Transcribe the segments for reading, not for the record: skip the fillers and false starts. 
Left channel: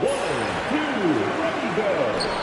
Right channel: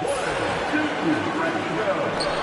One, two, ready, go.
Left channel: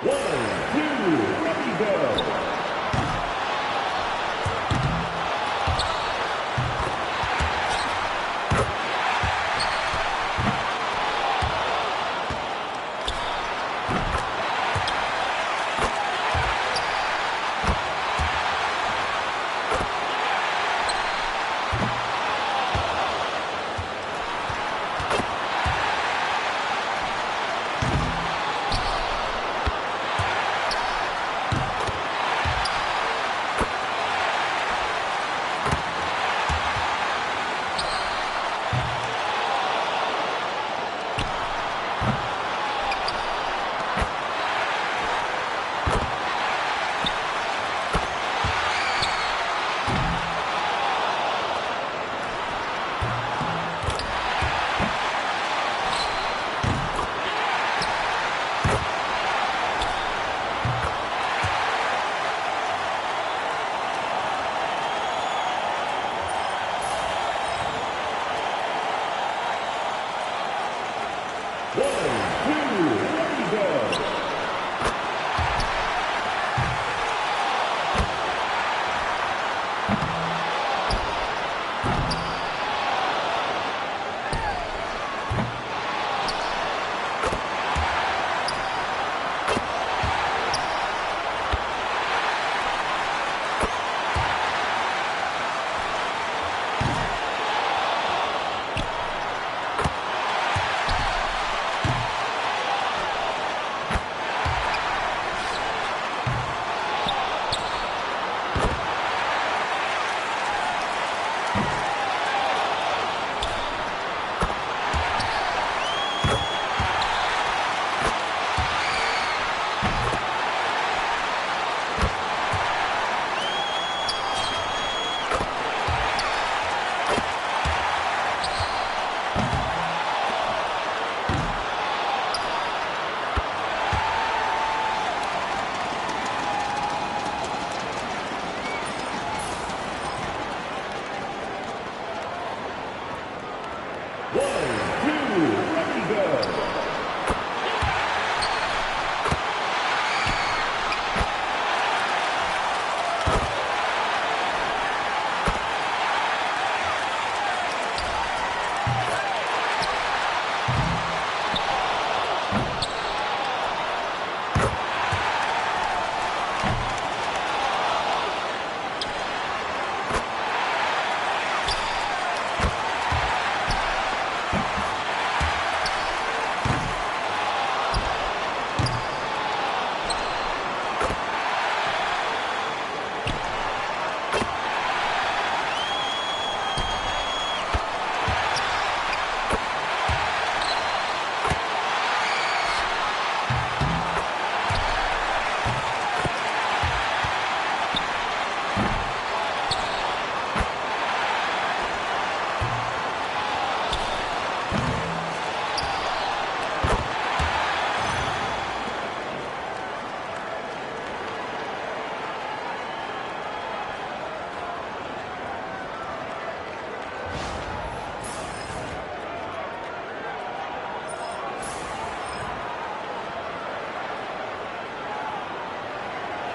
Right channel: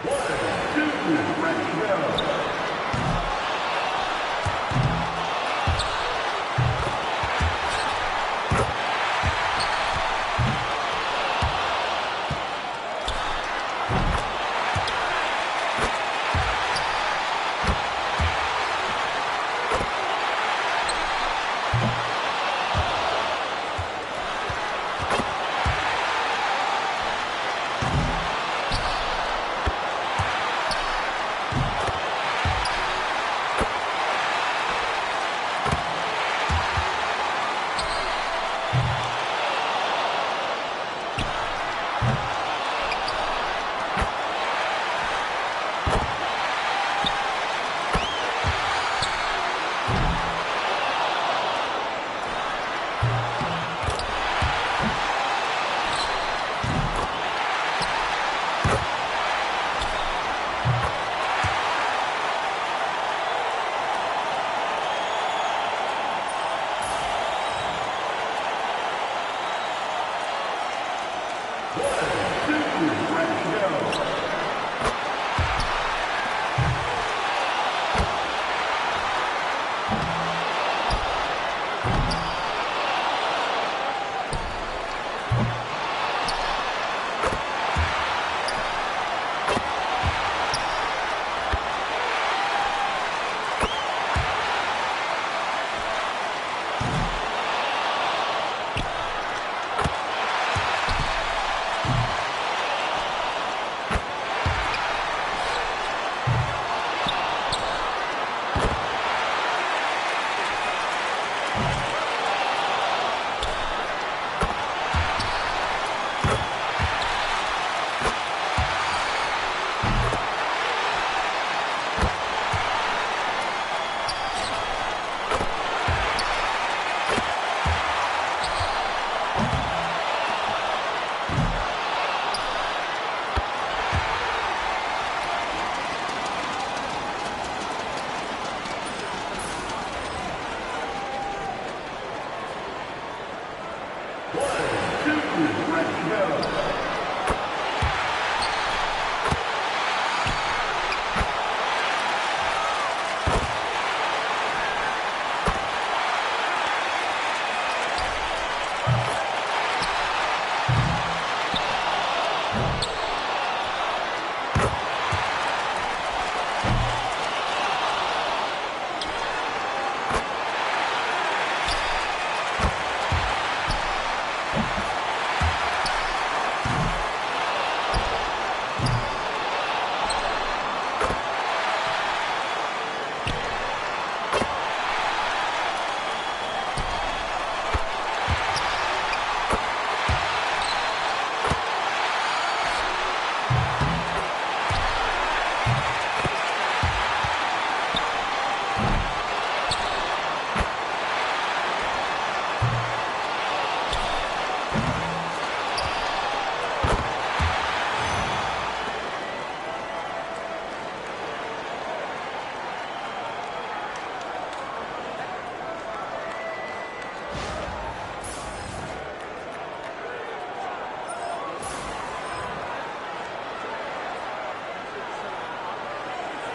One, two, ready, go. One, two, ready, go. One, two, ready, go.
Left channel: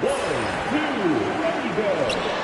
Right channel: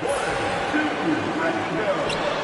2, ready, go.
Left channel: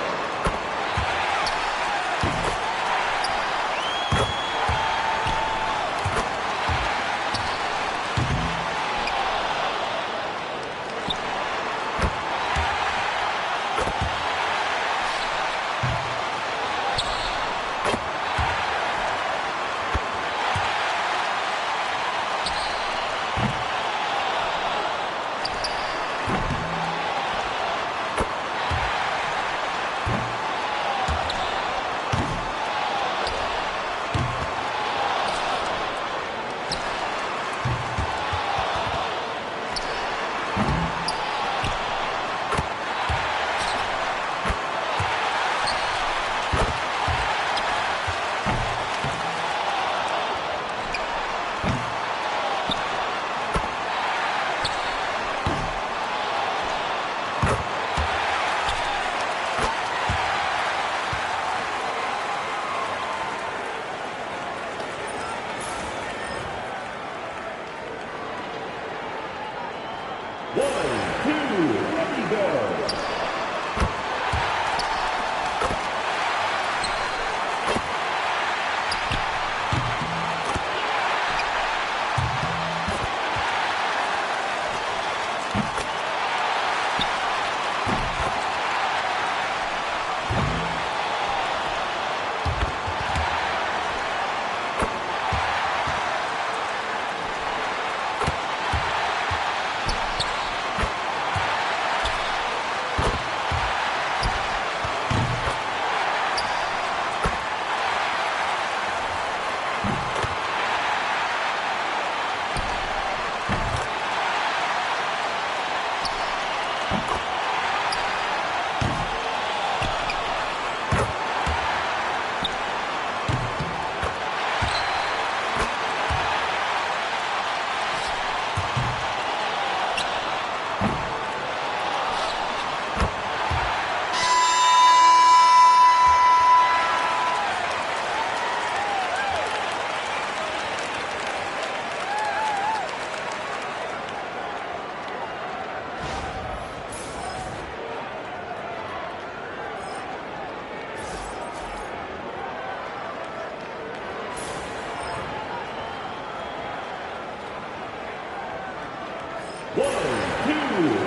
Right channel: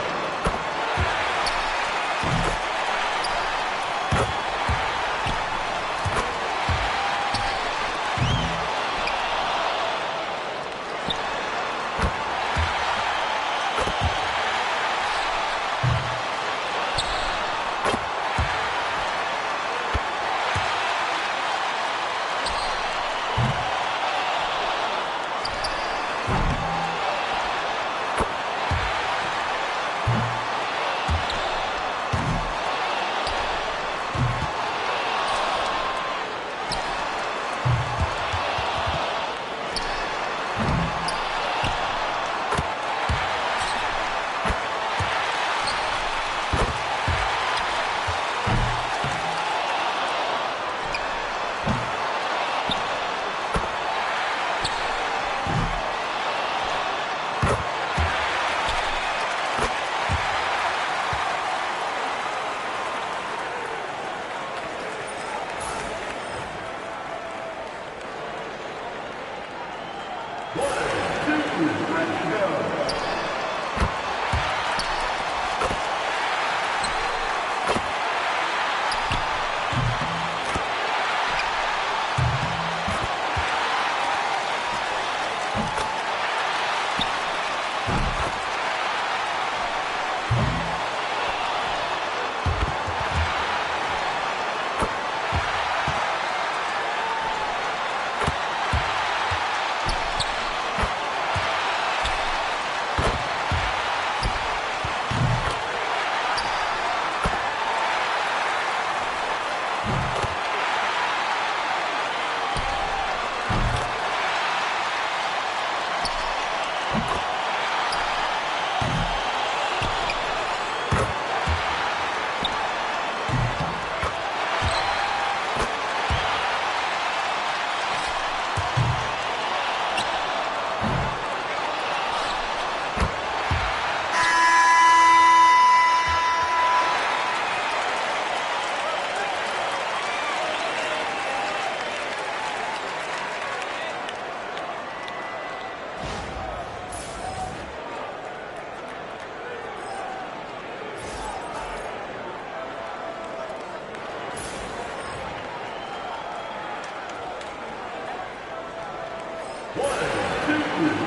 Ready, go.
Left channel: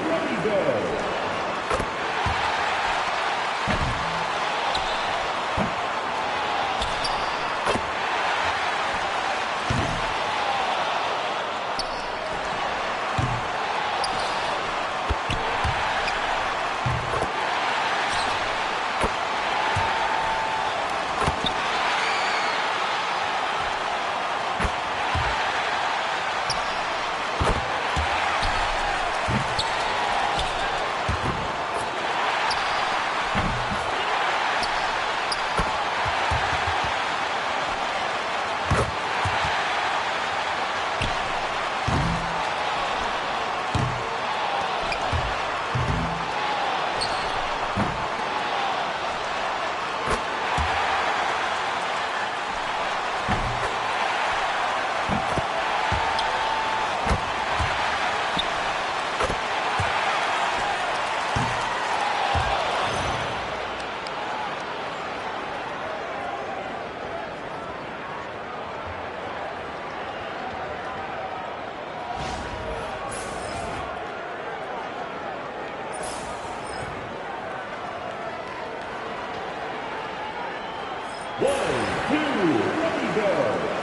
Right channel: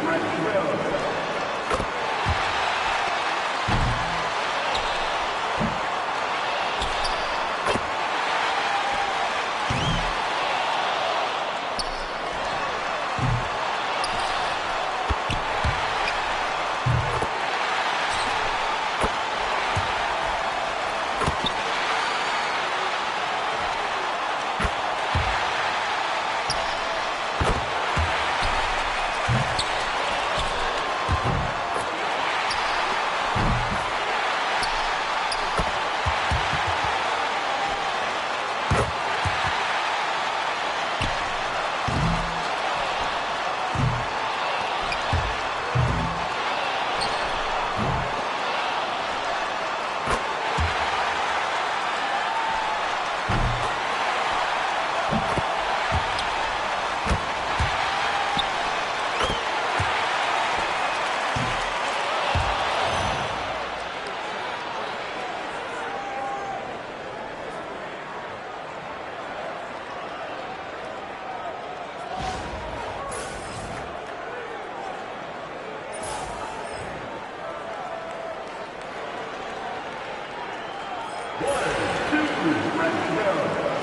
Ready, go. Ready, go.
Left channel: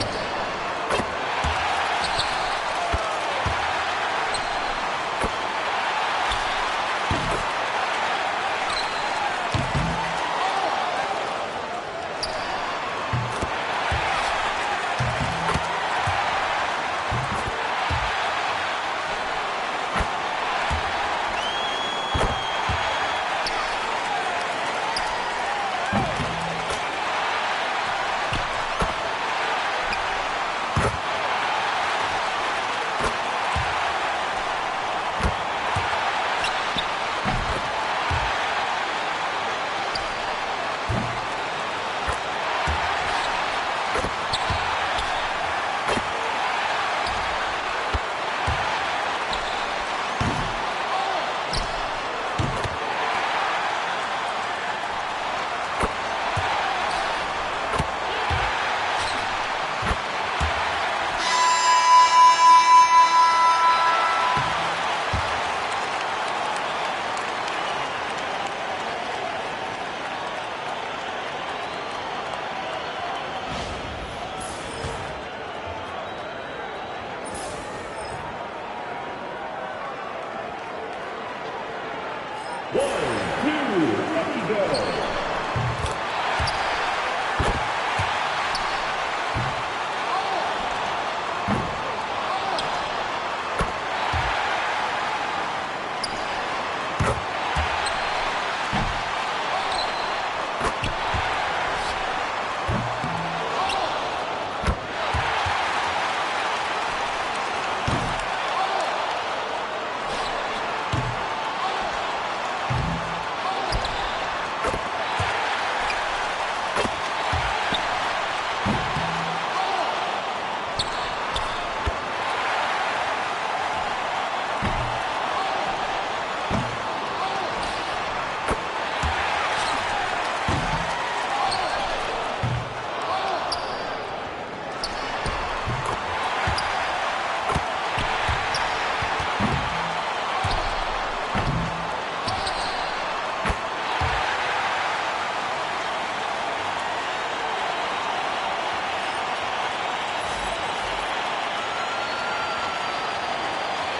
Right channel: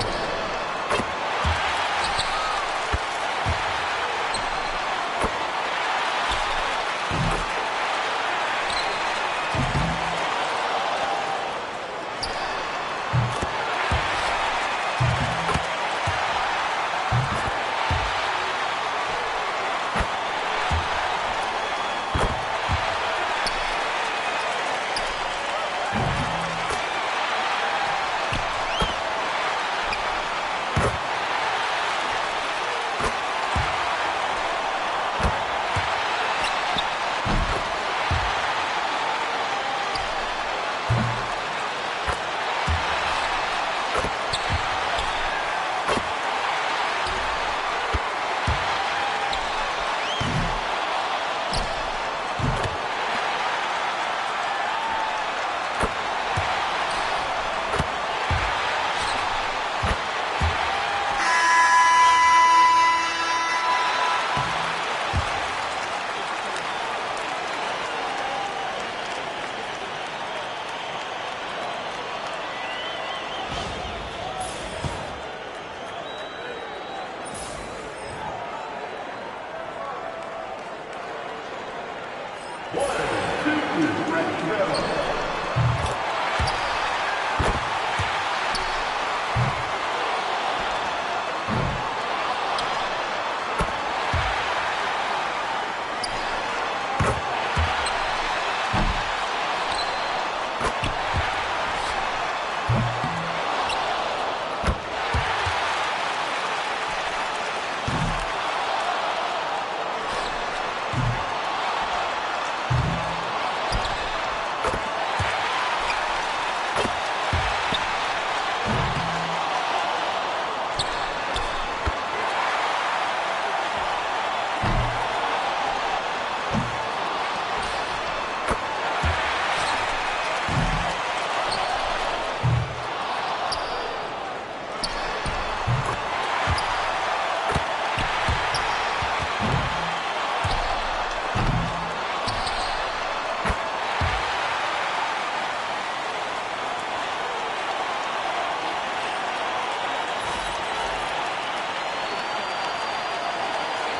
1, 2, ready, go.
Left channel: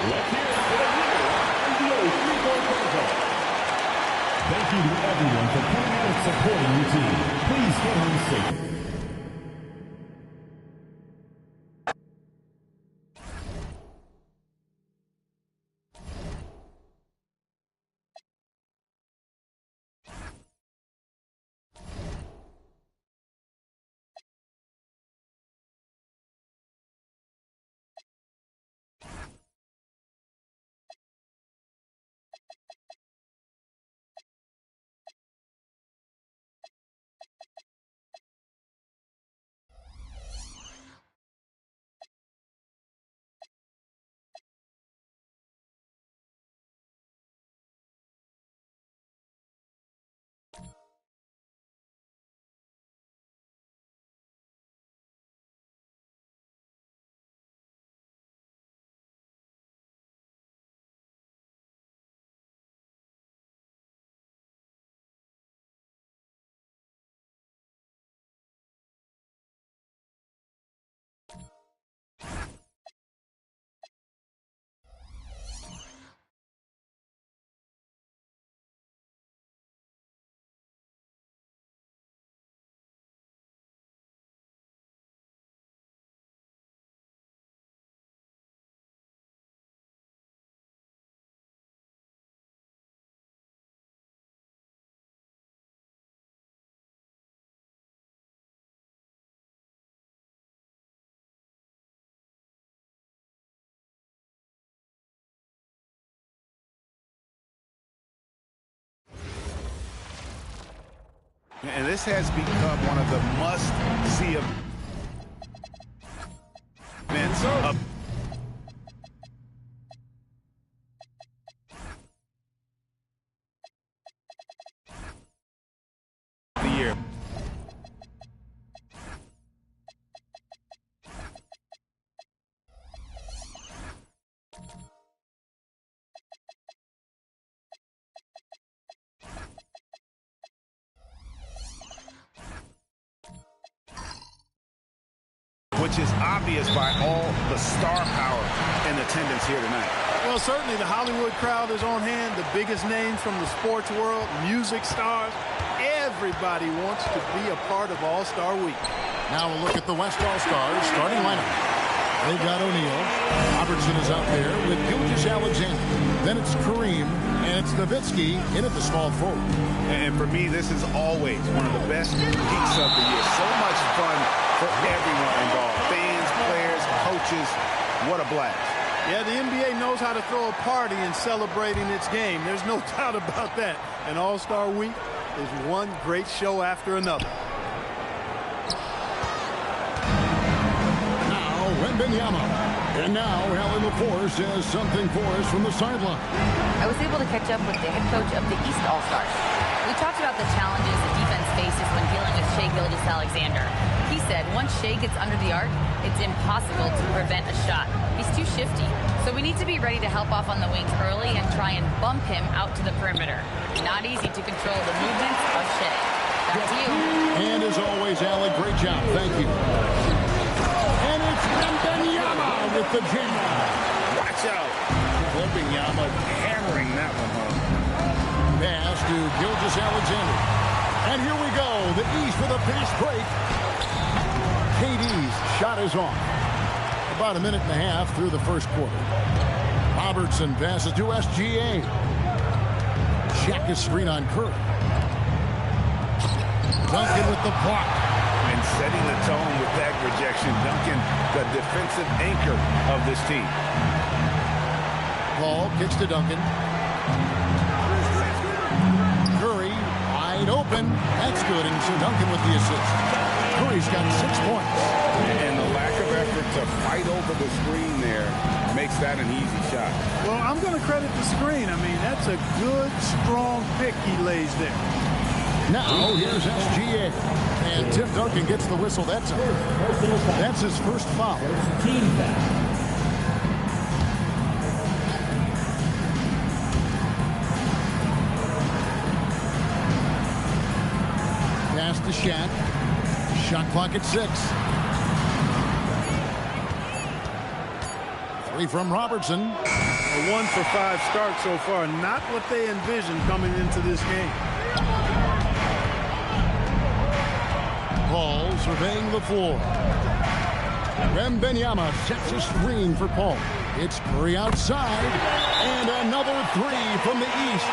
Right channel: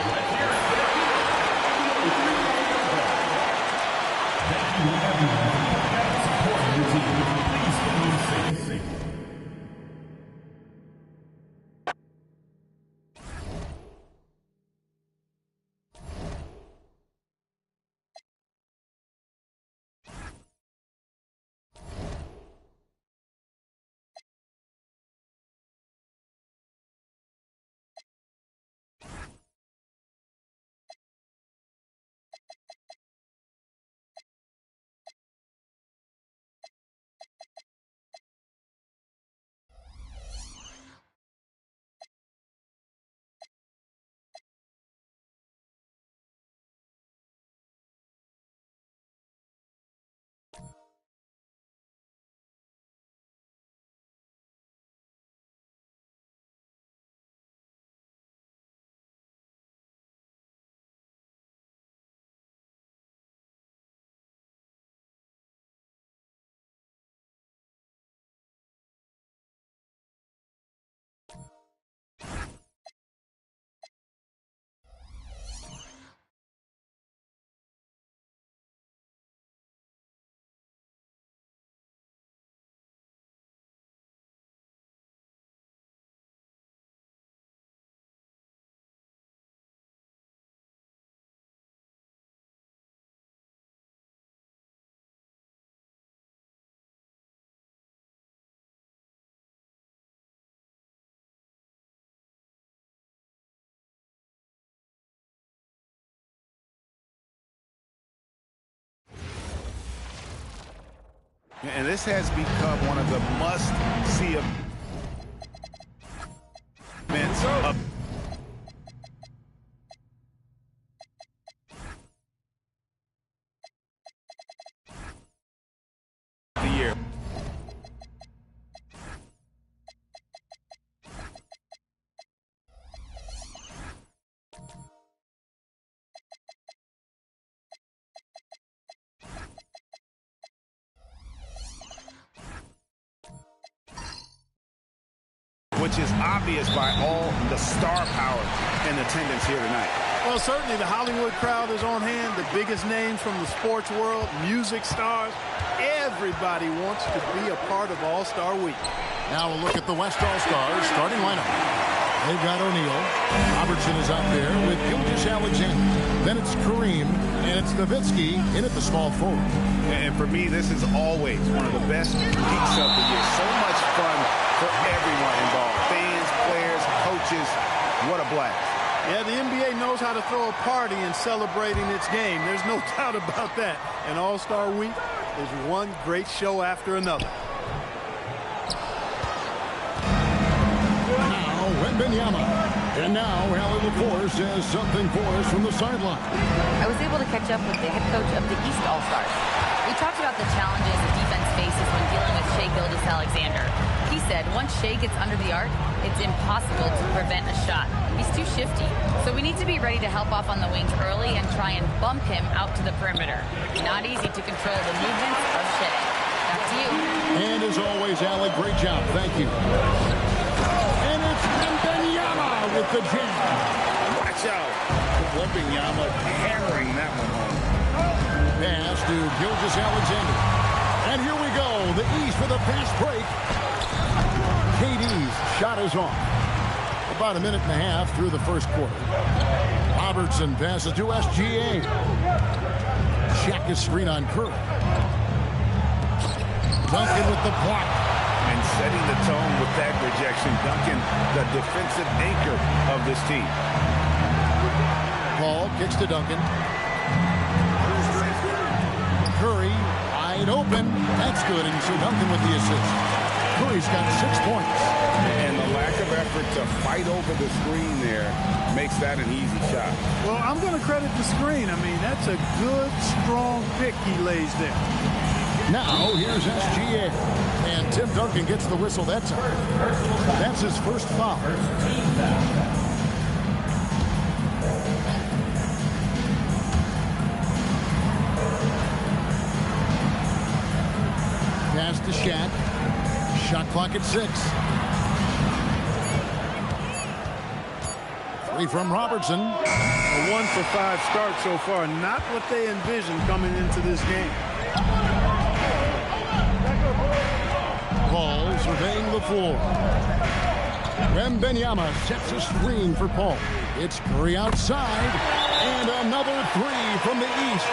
Let's hear it for the winner of the 3-point contest. Thank you to everyone for coming out and supporting your team. Please get in your seats. And this has become one of the must-see events of the year. Which is obvious by all the star power in attendance here tonight. Well, certainly the Hollywood crowd is on hand. The biggest names from the sports world, music stars. Everybody wants to be a part of All-Star Week. Now a look at the West All-Stars starting lineup. They've got O'Neal. Robertson is out there with Gilgeous-Alexander. Then it's Kareem, and it's Nowitzki in at the small forward. And for me, this is always one of the best peaks of the year. So much fun for everyone involved. Fans, players, coaches. What a blast. Yeah, the NBA knows how to throw a party in celebrating its game. There's no doubt about that. And All-Star Week is one great show after another. Now, Wembanyama. And now, Allie LaForce has something for us from the sideline. I was able to catch up with the head coach of the East All-Stars. We talked about the challenges the defense faces when dealing with Shai Gilgeous-Alexander. He said once Shai gets under the arc, it's impossible to prevent a shot. He's too shifty. So we need to be ready to help off on the wings early and try and bump him out to the perimeter. Not easy to control the movements of Shai. Back to you. And as always, Allie, great job. Thank you. And it's Wembanyama with the jam. Watch out. Wembanyama hammering that one home. pass to Gilgeous-Alexander. And here we go. The East with a fast break. KD's shot is off. About a minute and a half through the first quarter. Robertson passes to SGA. Check his screen on Curry. Duncan with the block. And setting the tone with that rejection. Duncan, the defensive anchor of this team. Paul kicks to Duncan. Curry wide open. That's good. And so Duncan with the assist. Curry's got 6 points. And the lack of effort to fight over the screen there makes that an easy shot. Well, I'm going to credit the screen. I mean, that's a good, strong pick he lays there. Now, here's SGA. And Tim Duncan gets the whistle that time. That's his first foul. Pass to Shaq. Shot clock at 6. 3 from Robertson. A 1 for 5 start so far. Not what they envisioned coming into this game. Paul surveying the floor. Wembanyama sets a screen for Paul. It's Curry outside. And another 3 from the East.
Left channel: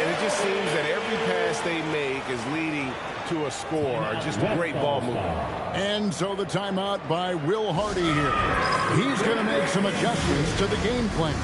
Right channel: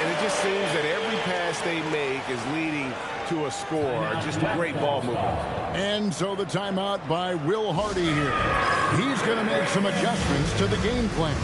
And it just seems that every pass they make is leading to a score. Just great ball movement. And so the timeout by Will Hardy here. He's going to make some adjustments to the game plan.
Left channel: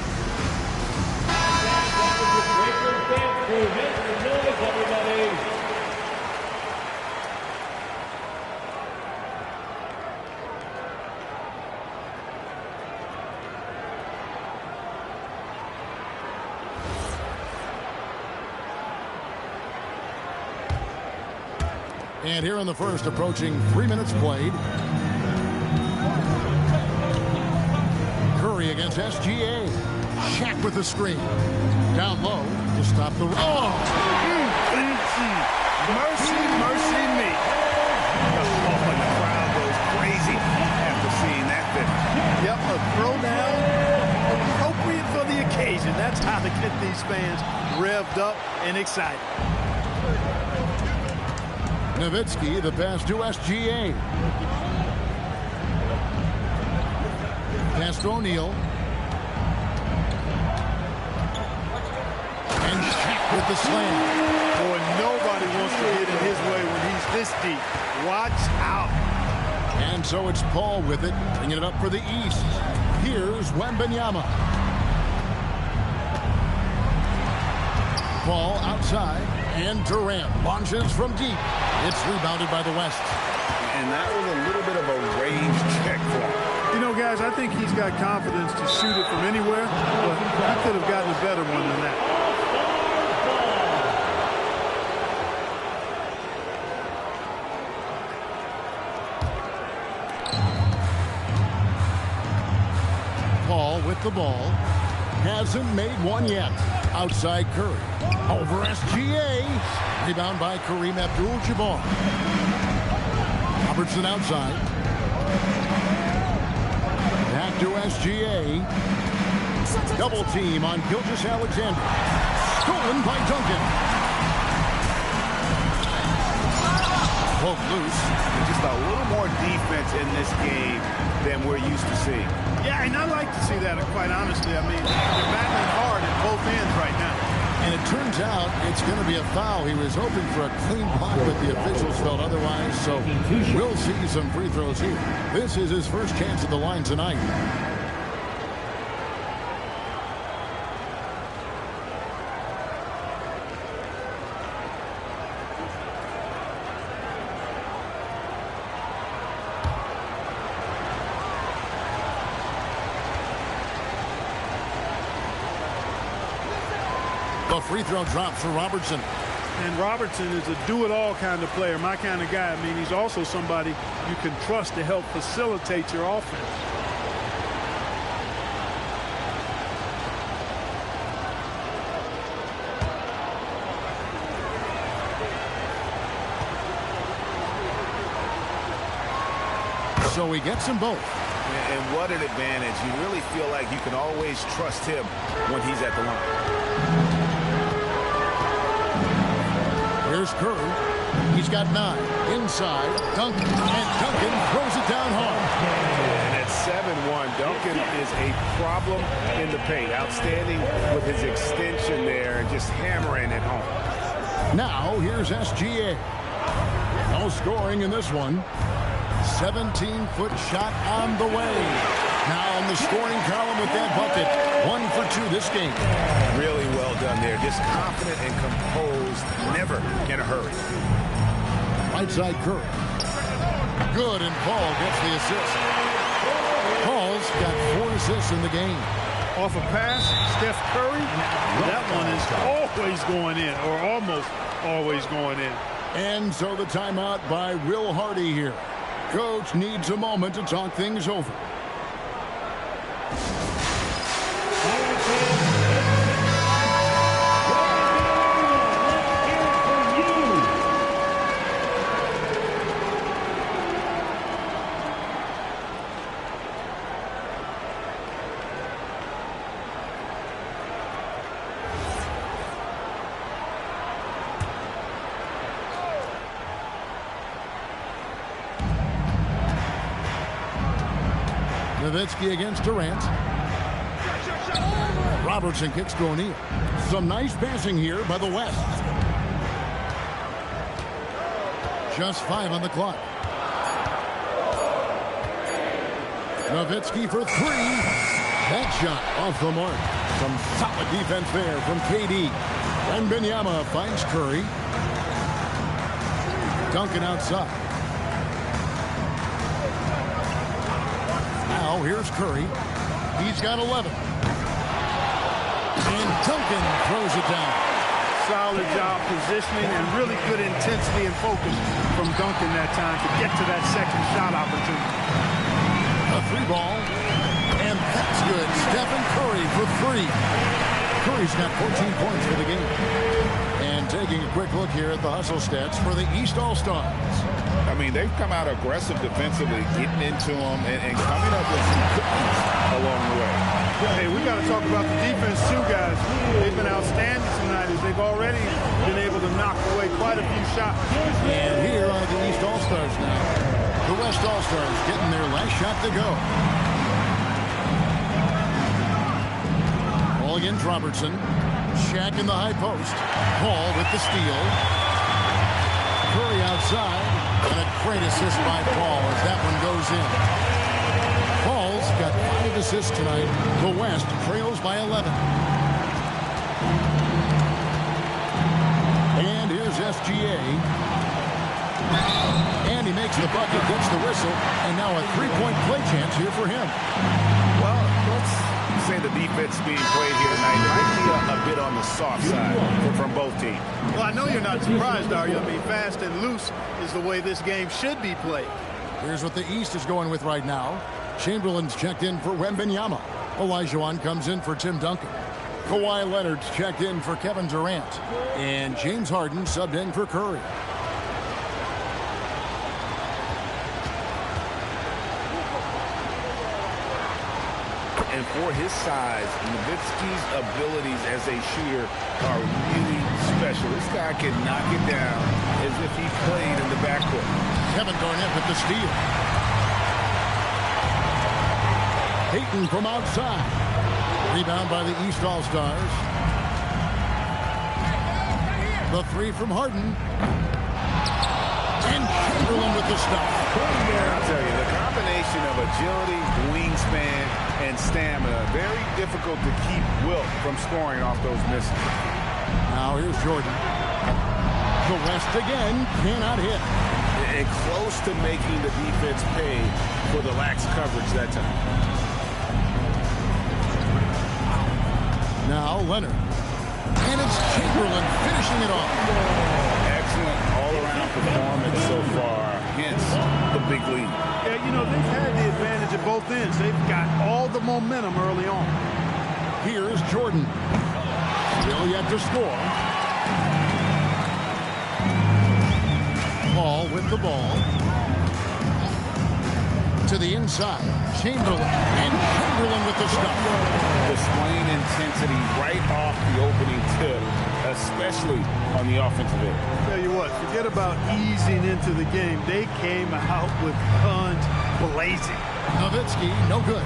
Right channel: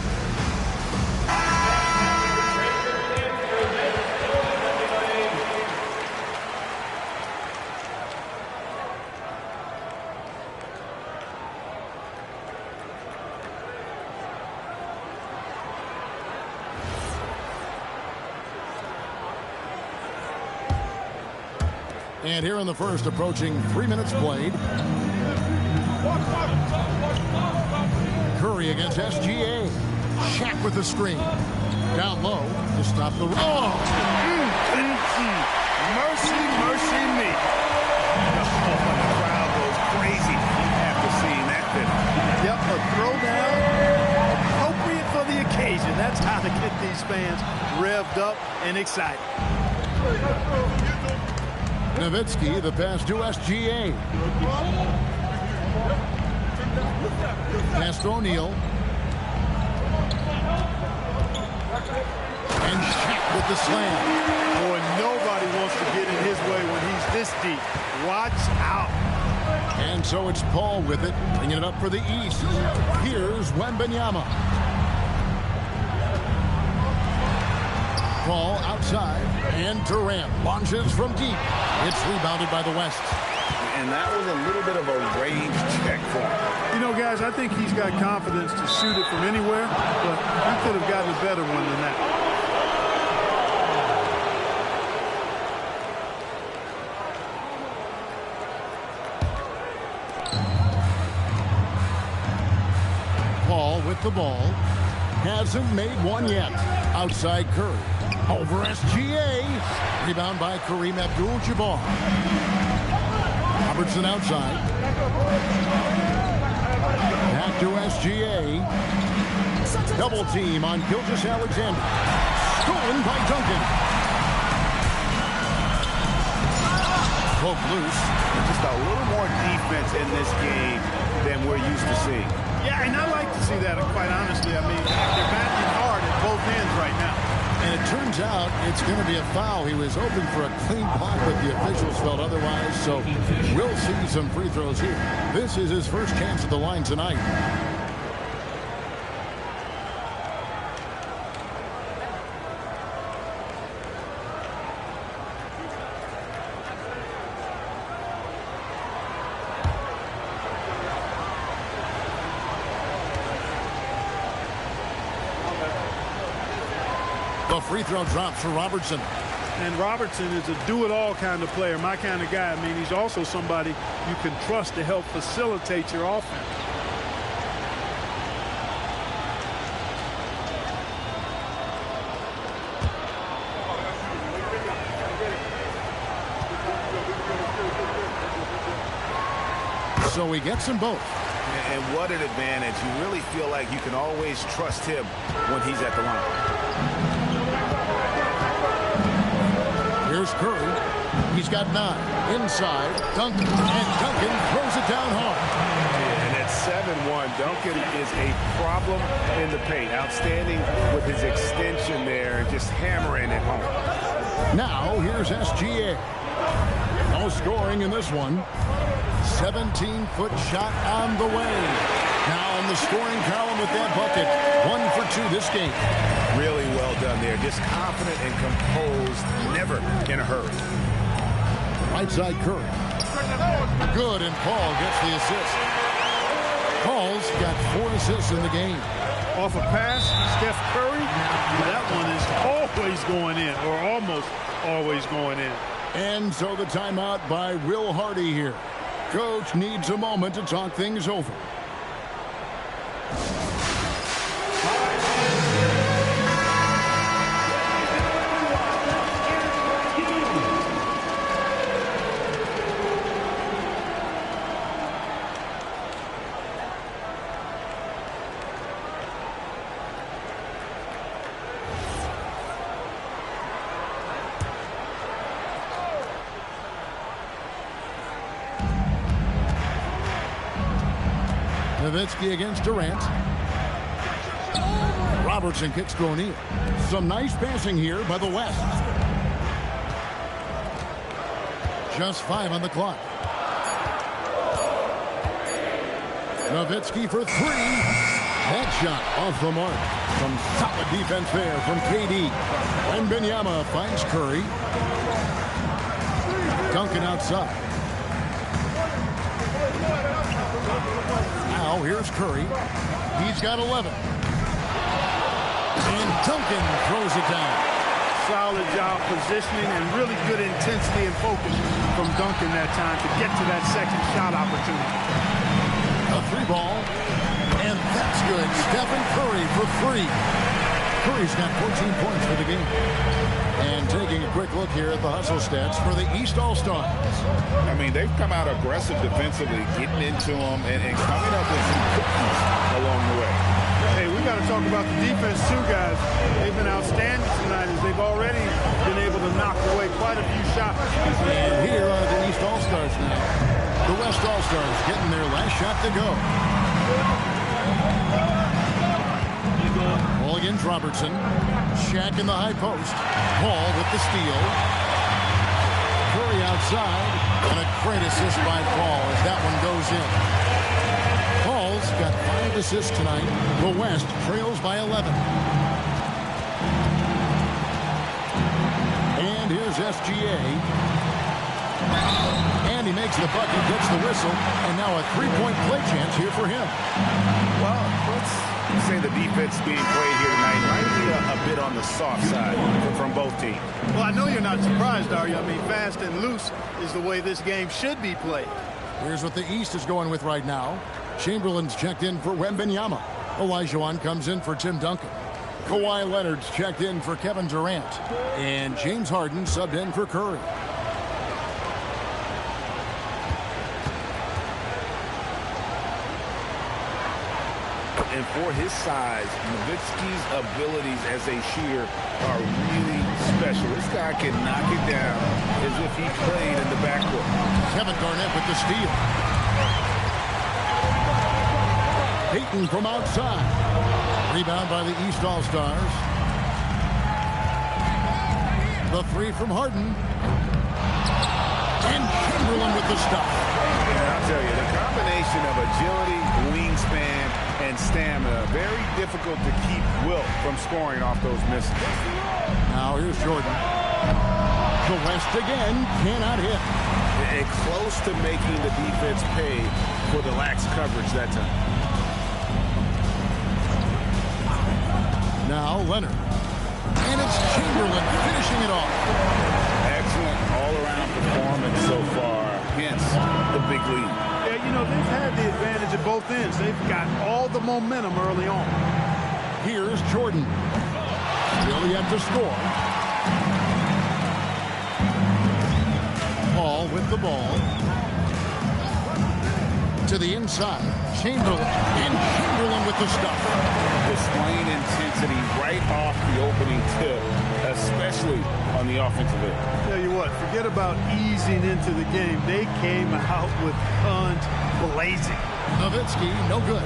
And here in the first, approaching 3 minutes played. Curry against SGA. Shaq with the screen. Down low to stop the... Oh! Mercy, mercy me. Oh, and the crowd goes crazy after seeing that finish. Yep, a throwdown appropriate for the occasion. That's how to get these fans revved up and excited. Nowitzki, the pass to SGA. Pass to O'Neal. And Shaq with the slam. Boy, nobody wants to get in his way when he's this deep. Watch out. And so it's Paul with it, bringing it up for the East. Here's Wembanyama. Paul outside, and Durant launches from deep. It's rebounded by the West. And that was a little bit of a range check for him. You know, guys, I think he's got confidence to shoot it from anywhere, but he could have gotten a better one than that. Paul with the ball. Hasn't made one yet. Outside Curry. Over SGA. Rebound by Kareem Abdul-Jabbar. Robertson outside. Back to SGA. Double team on Gilgeous-Alexander. Stolen by Duncan. Poke loose. And just a little more defense in this game than we're used to seeing. Yeah, and I like to see that, quite honestly. I mean, they're battling hard at both ends right now. And it turns out it's going to be a foul. He was hoping for a clean block, but the officials felt otherwise. So we'll see some free throws here. This is his first chance at the line tonight. The free throw drops for Robertson. And Robertson is a do-it-all kind of player, my kind of guy. I mean, he's also somebody you can trust to help facilitate your offense. So he gets them both. And what an advantage. You really feel like you can always trust him when he's at the line. Here's Curry. He's got 9. Inside, Duncan. And Duncan throws it down hard. And at 7-1, Duncan is a problem in the paint. Outstanding with his extension there and just hammering it home. Now, here's SGA. No scoring in this one. 17-foot shot on the way. Now in the scoring column with that bucket. 1 for 2 this game. Really well done there. Just confident and composed. Never in a hurry. Right side Curry. Good, and Paul gets the assist. Paul's got 4 assists in the game. Off a pass, Steph Curry, that one is always going in, or almost always going in. And so the timeout by Will Hardy here. Coach needs a moment to talk things over. Nowitzki against Durant. Robertson kicks to O'Neal. Some nice passing here by the West. Just 5 on the clock. Nowitzki for 3. That shot off the mark. Some solid defense there from KD. And Wembanyama finds Curry. Duncan outside. Now here's Curry. He's got 11. And Duncan throws it down. Solid job positioning and really good intensity and focus from Duncan that time to get to that second shot opportunity. A 3 ball. And that's good. Stephen Curry for 3. Curry's got 14 points for the game. And taking a quick look here at the hustle stats for the East All-Stars. I mean, they've come out aggressive defensively, getting into them and coming up with some cookies along the way. Hey, we got to talk about the defense too, guys. They've been outstanding tonight as they've already been able to knock away quite a few shots. And here are the East All-Stars now. The West All-Stars getting their last shot to go. Ball against Robertson. Shaq in the high post. Paul with the steal. Curry outside. And a great assist by Paul as that one goes in. Paul's got 5 assists tonight. The West trails by 11. And here's SGA. And he makes the bucket, gets the whistle, and now a 3-point play chance here for him. Well, let's say the defense being played here tonight might be a bit on the soft side from both teams. Well, I know you're not surprised, are you? I mean, fast and loose is the way this game should be played. Here's what the East is going with right now. Chamberlain's checked in for Wembanyama. Olajuwon comes in for Tim Duncan. Kawhi Leonard's checked in for Kevin Durant. And James Harden subbed in for Curry. And for his size, Nowitzki's abilities as a shooter are really special. This guy can knock it down as if he played in the backcourt. Kevin Garnett with the steal. Payton from outside. Rebound by the East All-Stars. The 3 from Harden. And Chamberlain with the stuff. And I'll tell you, the combination of agility, wingspan, and stamina, very difficult to keep Wilt from scoring off those misses. Now here's Jordan. The West again cannot hit. And close to making the defense pay for the lax coverage that time. Now Leonard. And it's Chamberlain finishing it off. Excellent all-around performance so far, hence the big lead. Yeah, you know, they've had the advantage at both ends. They've got all the momentum early on. Here's Jordan. Still yet to score. Paul with the ball. To the inside. Chamberlain. And Chamberlain with the stuff. Displaying intensity right off the opening tip. especially on the offensive end. Tell you what, forget about easing into the game. They came out with guns blazing. Nowitzki, no good.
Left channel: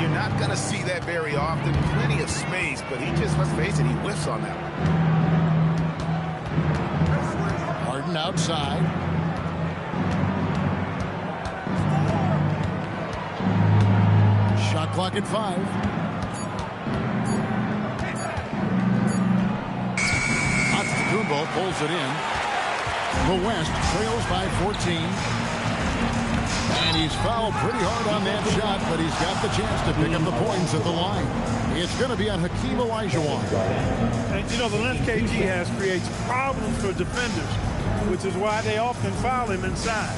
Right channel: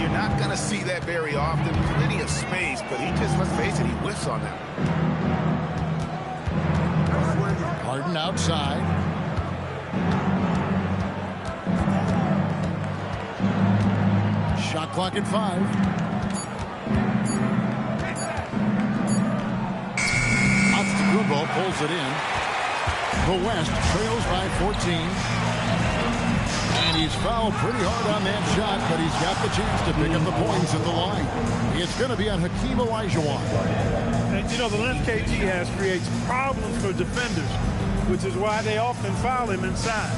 You're not going to see that very often. Plenty of space, but he just, let's face it, he whiffs on that one. Harden outside. Shot clock at 5. Antetokounmpo pulls it in. The West trails by 14. And he's fouled pretty hard on that shot, but he's got the chance to pick up the points at the line. It's going to be on Hakeem Olajuwon. And, you know, the length KG has creates problems for defenders, which is why they often foul him inside.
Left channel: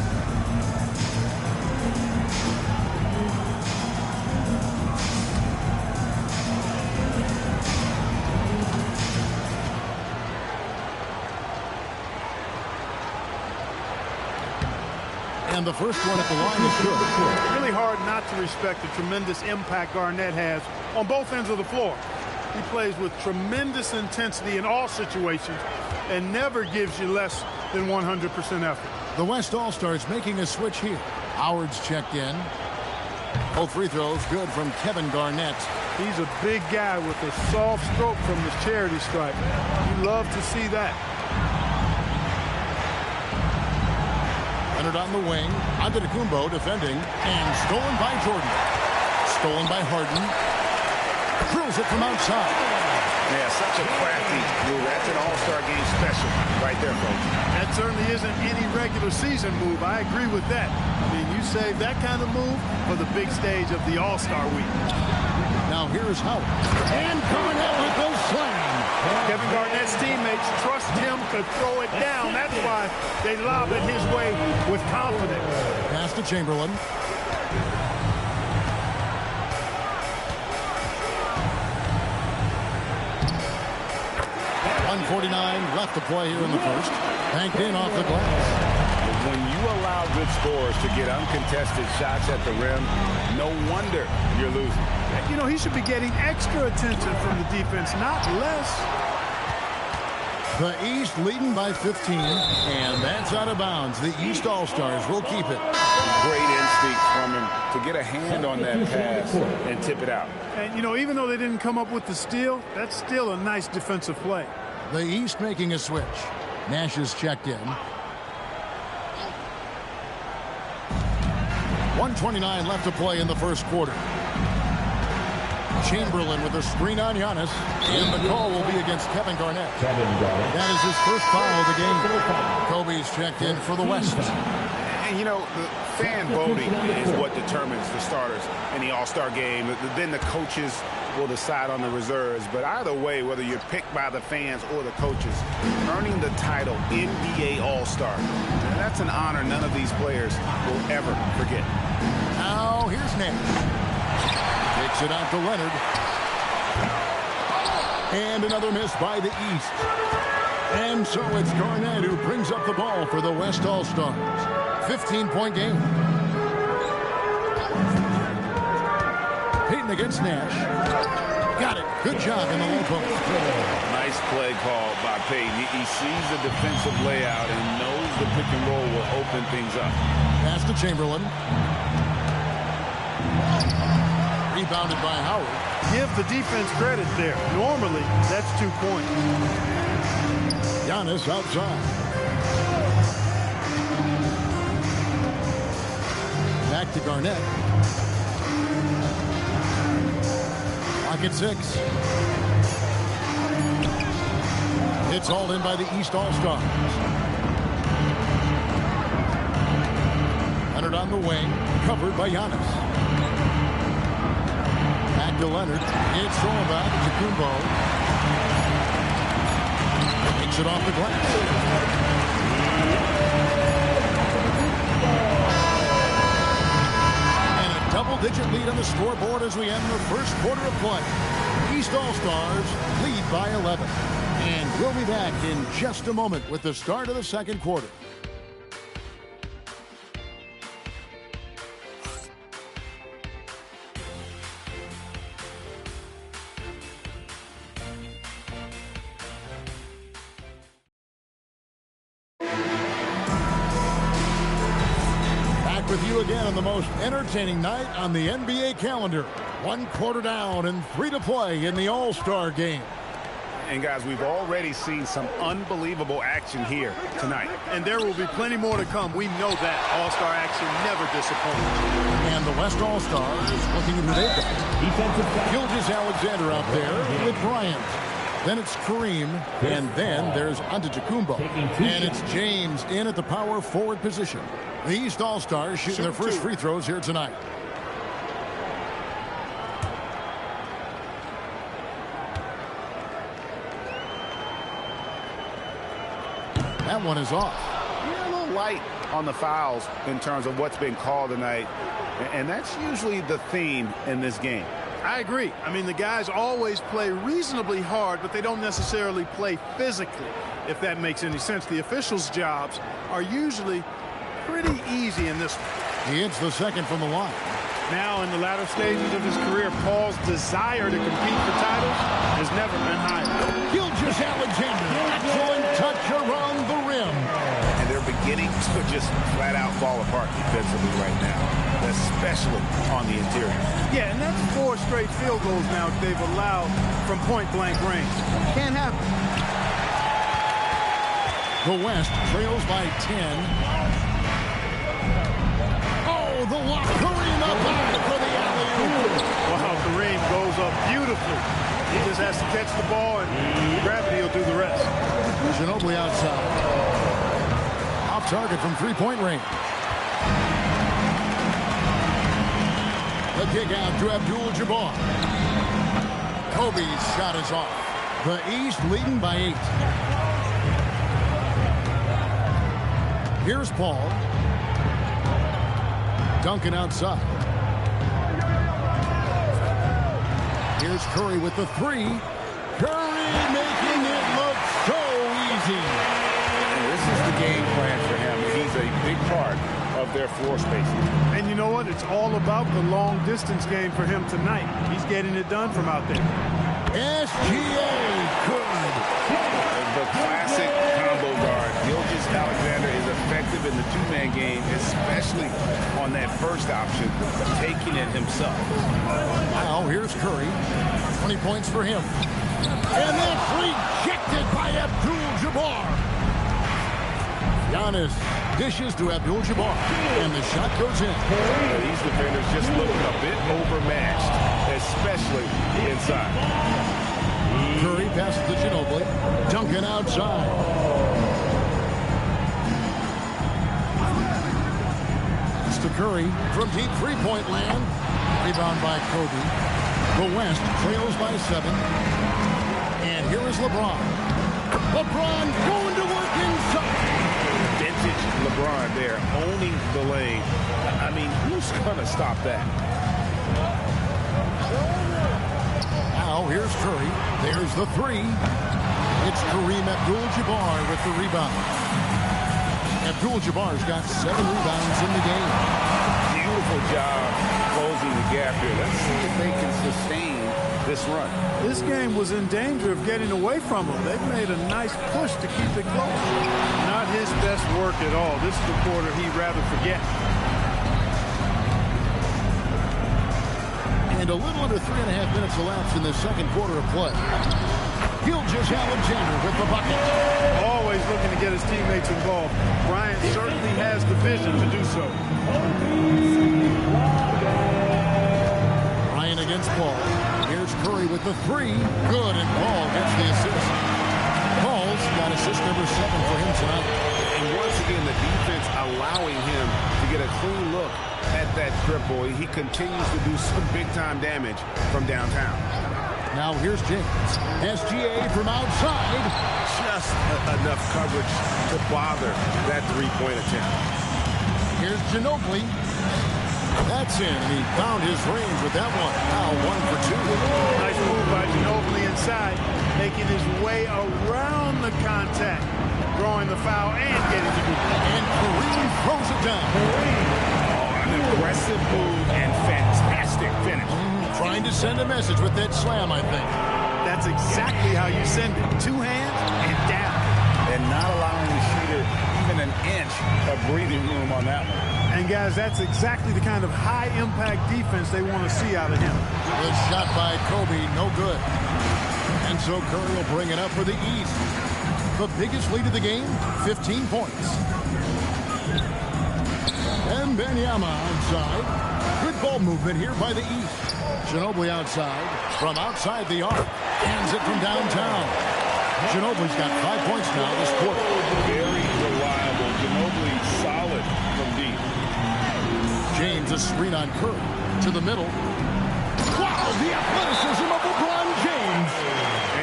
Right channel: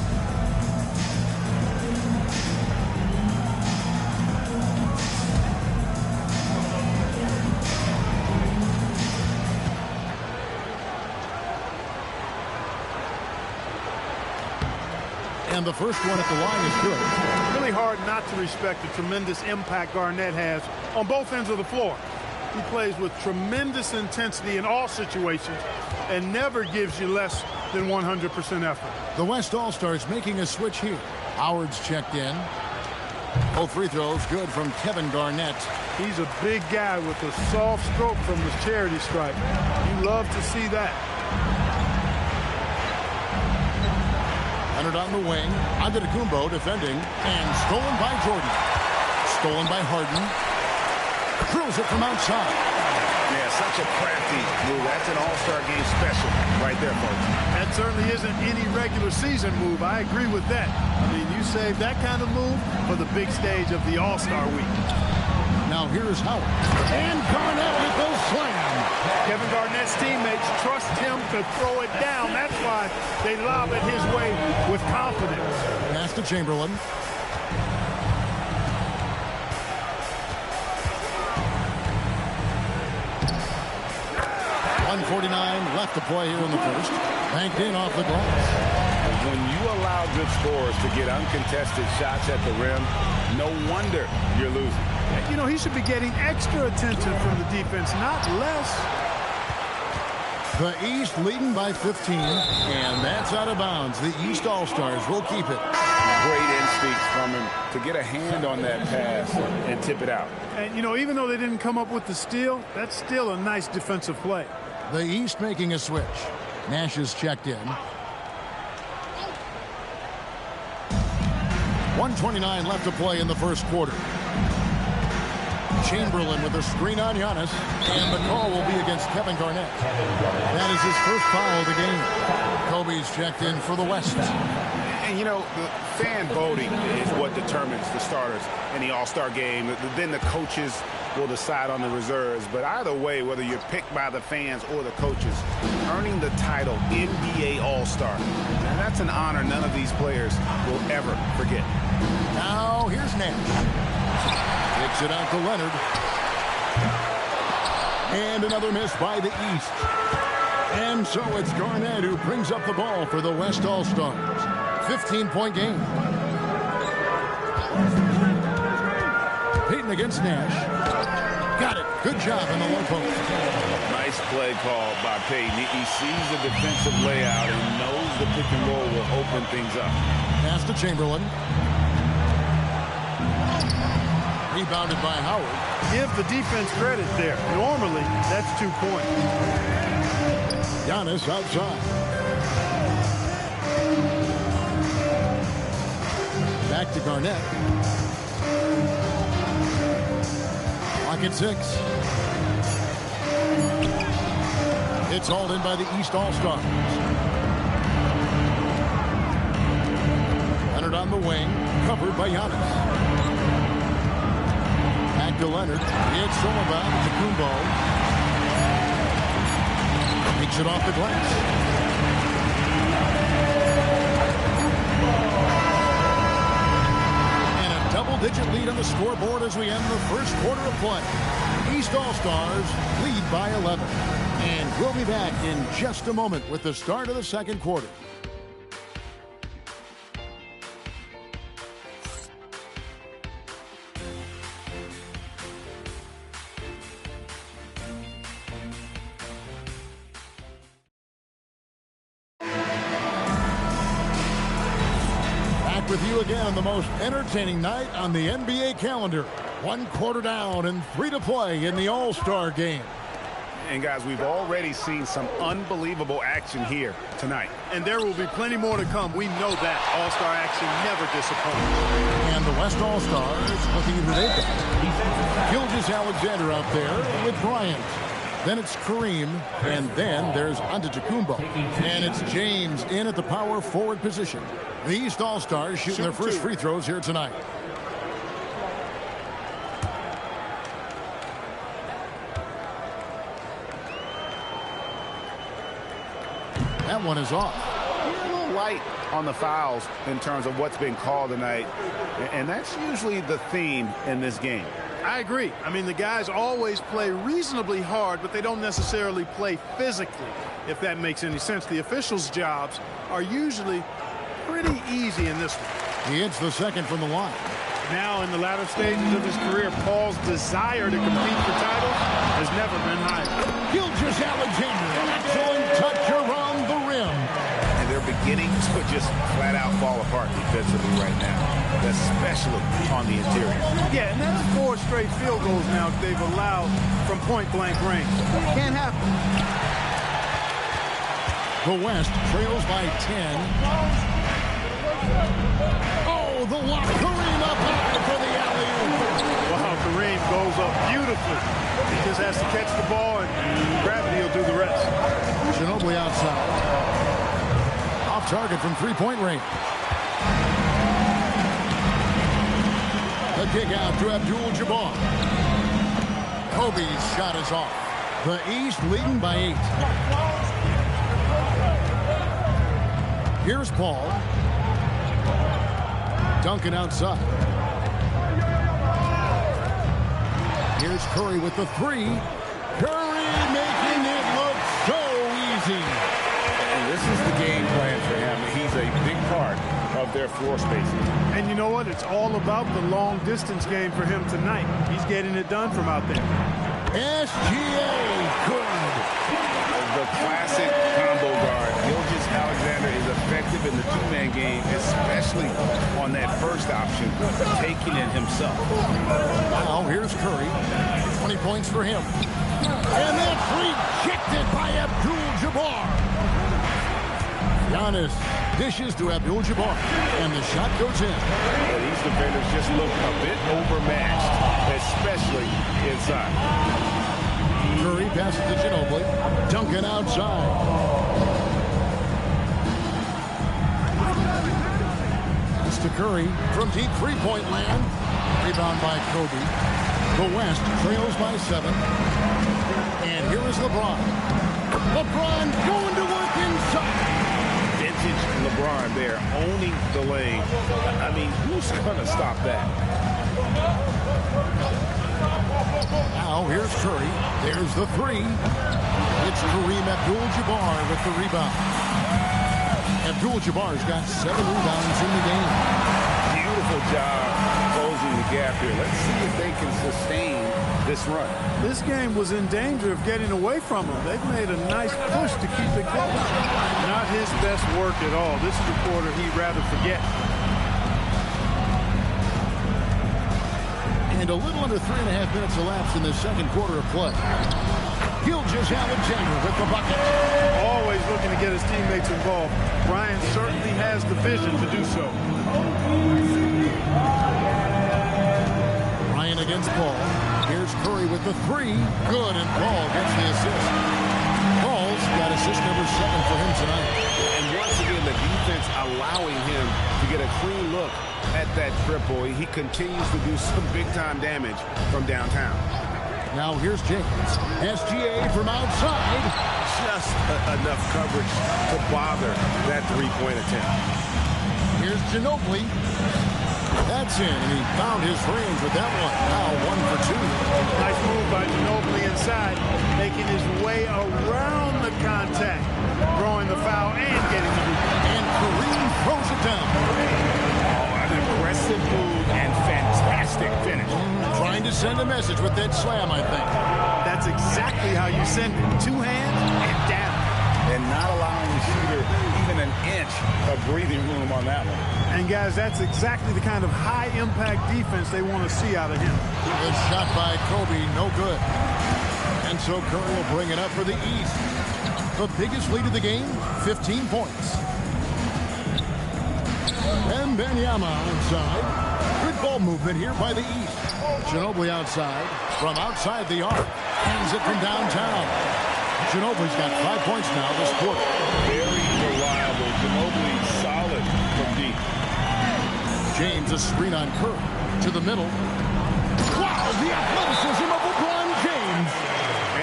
And the first one at the line is good. Really hard not to respect the tremendous impact Garnett has on both ends of the floor. He plays with tremendous intensity in all situations and never gives you less than 100% effort. The West All-Stars making a switch here. Howard's checked in. Both free throws good from Kevin Garnett. He's a big guy with a soft stroke from the charity stripe. You love to see that. Leonard on the wing. Antetokounmpo defending. And stolen by Jordan. Stolen by Harden. Drills it from outside. Yeah, such a crafty move. That's an all-star game special right there, folks. That certainly isn't any regular season move. I agree with that. I mean, you save that kind of move for the big stage of the All-Star week. Now here's Howard. And Garnett with the slam. Kevin Garnett's teammates trust him to throw it down. That's why they lob it his way with confidence. Pass to Chamberlain. .149 left to play here in the first. Banked in off the glass. When you allow good scorers to get uncontested shots at the rim, no wonder you're losing. You know, he should be getting extra attention from the defense, not less. The East leading by 15, and that's out of bounds. The East All-Stars will keep it. Great instincts from him to get a hand on that pass and tip it out. And, you know, even though they didn't come up with the steal, that's still a nice defensive play. The East making a switch. Nash is checked in. 1:29 left to play in the first quarter. Chamberlain with a screen on Giannis, and the call will be against Kevin Garnett. That is his first foul of the game. Kobe's checked in for the West. And, you know, the fan voting is what determines the starters in the All-Star game. Then the coaches will decide on the reserves. But either way, whether you're picked by the fans or the coaches, earning the title NBA All-Star, that's an honor none of these players will ever forget. Now, here's Nash. Kicks it out to Leonard. And another miss by the East. And so it's Garnett who brings up the ball for the West All-Stars. 15-point game. Payton against Nash. Got it. Good job in the low post. Nice play call by Payton. He sees the defensive layout and knows the pick and roll will open things up. Pass to Chamberlain. Rebounded by Howard. Give the defense credit there. Normally, that's 2 points. Giannis outside. Back to Garnett. Clock at 6. It's hauled in by the East All-Stars. Leonard on the wing, covered by Giannis. Back to Leonard. It's thrown by Antetokounmpo. Takes it off the glass. And a double-digit lead on the scoreboard as we end the first quarter of play. East All-Stars lead by 11. And we'll be back in just a moment with the start of the second quarter. with you again on the most entertaining night on the NBA calendar. 1 quarter down and 3 to play in the All-Star game. And guys, we've already seen some unbelievable action here tonight. And there will be plenty more to come. We know that. All-Star action never disappoints. And the West All-Stars looking at who they've got. Defensive back. Gilgeous-Alexander out there with Bryant. Then it's Kareem, and then there's Antetokounmpo. And it's James in at the power forward position. The East All-Stars shooting their first free throws here tonight. That one is off. You're a little light on the fouls in terms of what's been called tonight, and that's usually the theme in this game. I agree. I mean, the guys always play reasonably hard, but they don't necessarily play physically, if that makes any sense. The officials' jobs are usually pretty easy in this one. He hits the second from the line. Now, in the latter stages of his career, Paul's desire to compete for titles has never been higher. Gilgeous-Alexander, excellent touch around the rim. And they're beginning to just flat out fall apart defensively right now, especially on the interior. Yeah, and that's 4 straight field goals now they've allowed from point-blank range. Can't happen. The West trails by 10. Oh, the lock. Kareem up high for the alley-oop. Wow, Kareem goes up beautifully. He just has to catch the ball, and gravity will do the rest. Ginobili outside. Off target from three-point range. The kick out to Abdul-Jabbar. Kobe's shot is off. The East leading by 8. Here's Paul. Duncan outside. Here's Curry with the 3. Curry making it look so easy. And this is the game plan for him. He's a big part of their floor spacing. And you know what? It's all about the long distance game for him tonight. He's getting it done from out there. SGA good. The classic combo guard. Gilgeous-Alexander is effective in the two-man game, especially on that first option, taking it himself. Now here's Curry. 20 points for him. And that's rejected by Abdul-Jabbar. Giannis dishes to Abdul-Jabbar. And the shot goes in. Yeah, these defenders just look a bit overmatched, especially inside. Curry passes to Ginobili. Duncan outside. Pass to Curry from deep three-point land. Rebound by Kobe. The West trails by 7. And here is LeBron. LeBron going to work inside. Vintage LeBron there, owning the lane. I mean, who's going to stop that? Now here's Curry. There's the 3. It's Kareem Abdul-Jabbar with the rebound. Abdul-Jabbar's got 7 rebounds in the game. Beautiful job closing the gap here. Let's see if they can sustain this run. This game was in danger of getting away from him. They've made a nice push to keep it close. Not his best work at all. This is a quarter he'd rather forget. And a little under 3.5 minutes elapsed in the second quarter of play. Gilgeous-Alexander with the bucket. Always looking to get his teammates involved. Bryant certainly has the vision to do so. Bryant against Paul. Here's Curry with the 3. Good, and Paul gets the assist. Paul's got assist number 7 for him tonight. And once again, the defense allowing him to get a clean look at that triple. He continues to do some big-time damage from downtown. Now here's James. SGA from outside. Just enough coverage to bother that three-point attempt. Here's Ginobili. That's in, and he found his range with that one. Now 1 for 2. Nice move by Ginobili inside, making his way around the contact, drawing the foul and getting the hoop. And Kareem throws it down. An aggressive move and fantastic finish. Trying to send a message with that slam, I think. That's exactly how you send it. 2 hands and down. And not allowing the shooter even an inch of breathing room on that one. And, guys, that's exactly the kind of high-impact defense they want to see out of him. The shot by Kobe, no good. And so Curry will bring it up for the East. The biggest lead of the game, 15 points. And Wembanyama outside. Good ball movement here by the East. Ginobili outside. From outside the arc. Hands it from downtown. Ginobili's got 5 points now this quarter. Very reliable. Ginobili solid from deep. James, a screen on Curry. To the middle. Wow, the athleticism of LeBron James.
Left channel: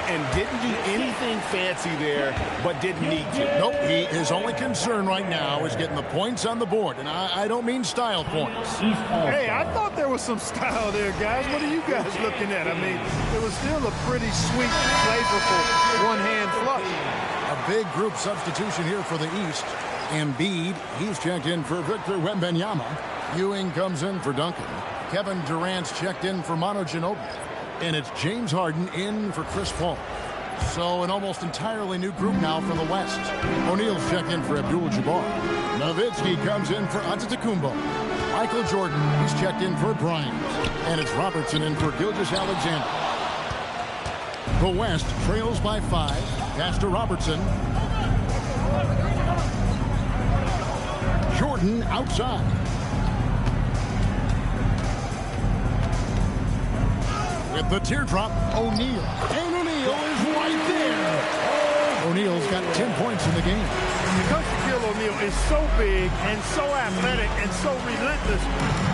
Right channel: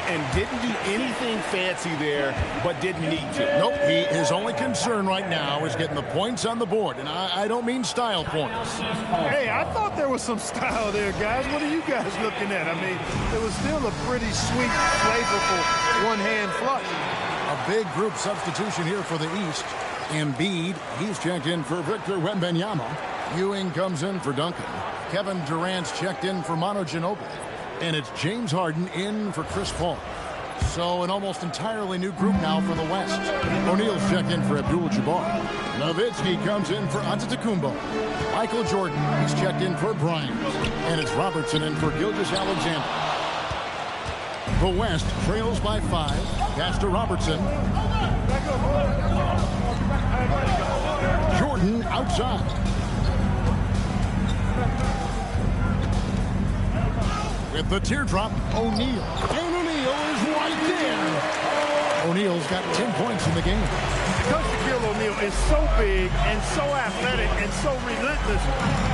And didn't do anything fancy there, but didn't need to. Nope, his only concern right now is getting the points on the board. And I don't mean style points. Hey, I thought there was some style there, guys. What are you guys looking at? I mean, it was still a pretty sweet, flavorful one-hand flush. A big group substitution here for the East. Embiid, he's checked in for Victor Wembanyama. Ewing comes in for Duncan. Kevin Durant's checked in for Manu Ginobili. And it's James Harden in for Chris Paul. So an almost entirely new group now for the West. O'Neal's checked in for Abdul-Jabbar. Nowitzki comes in for Antetokounmpo. Michael Jordan, he's checked in for Bryant. And it's Robertson in for Gilgeous-Alexander. The West trails by 5. Pass to Robertson. Jordan outside. With the teardrop, O'Neal. And O'Neal is right there. O'Neal's got 10 points in the game. Because Shaquille O'Neal is so big and so athletic and so relentless,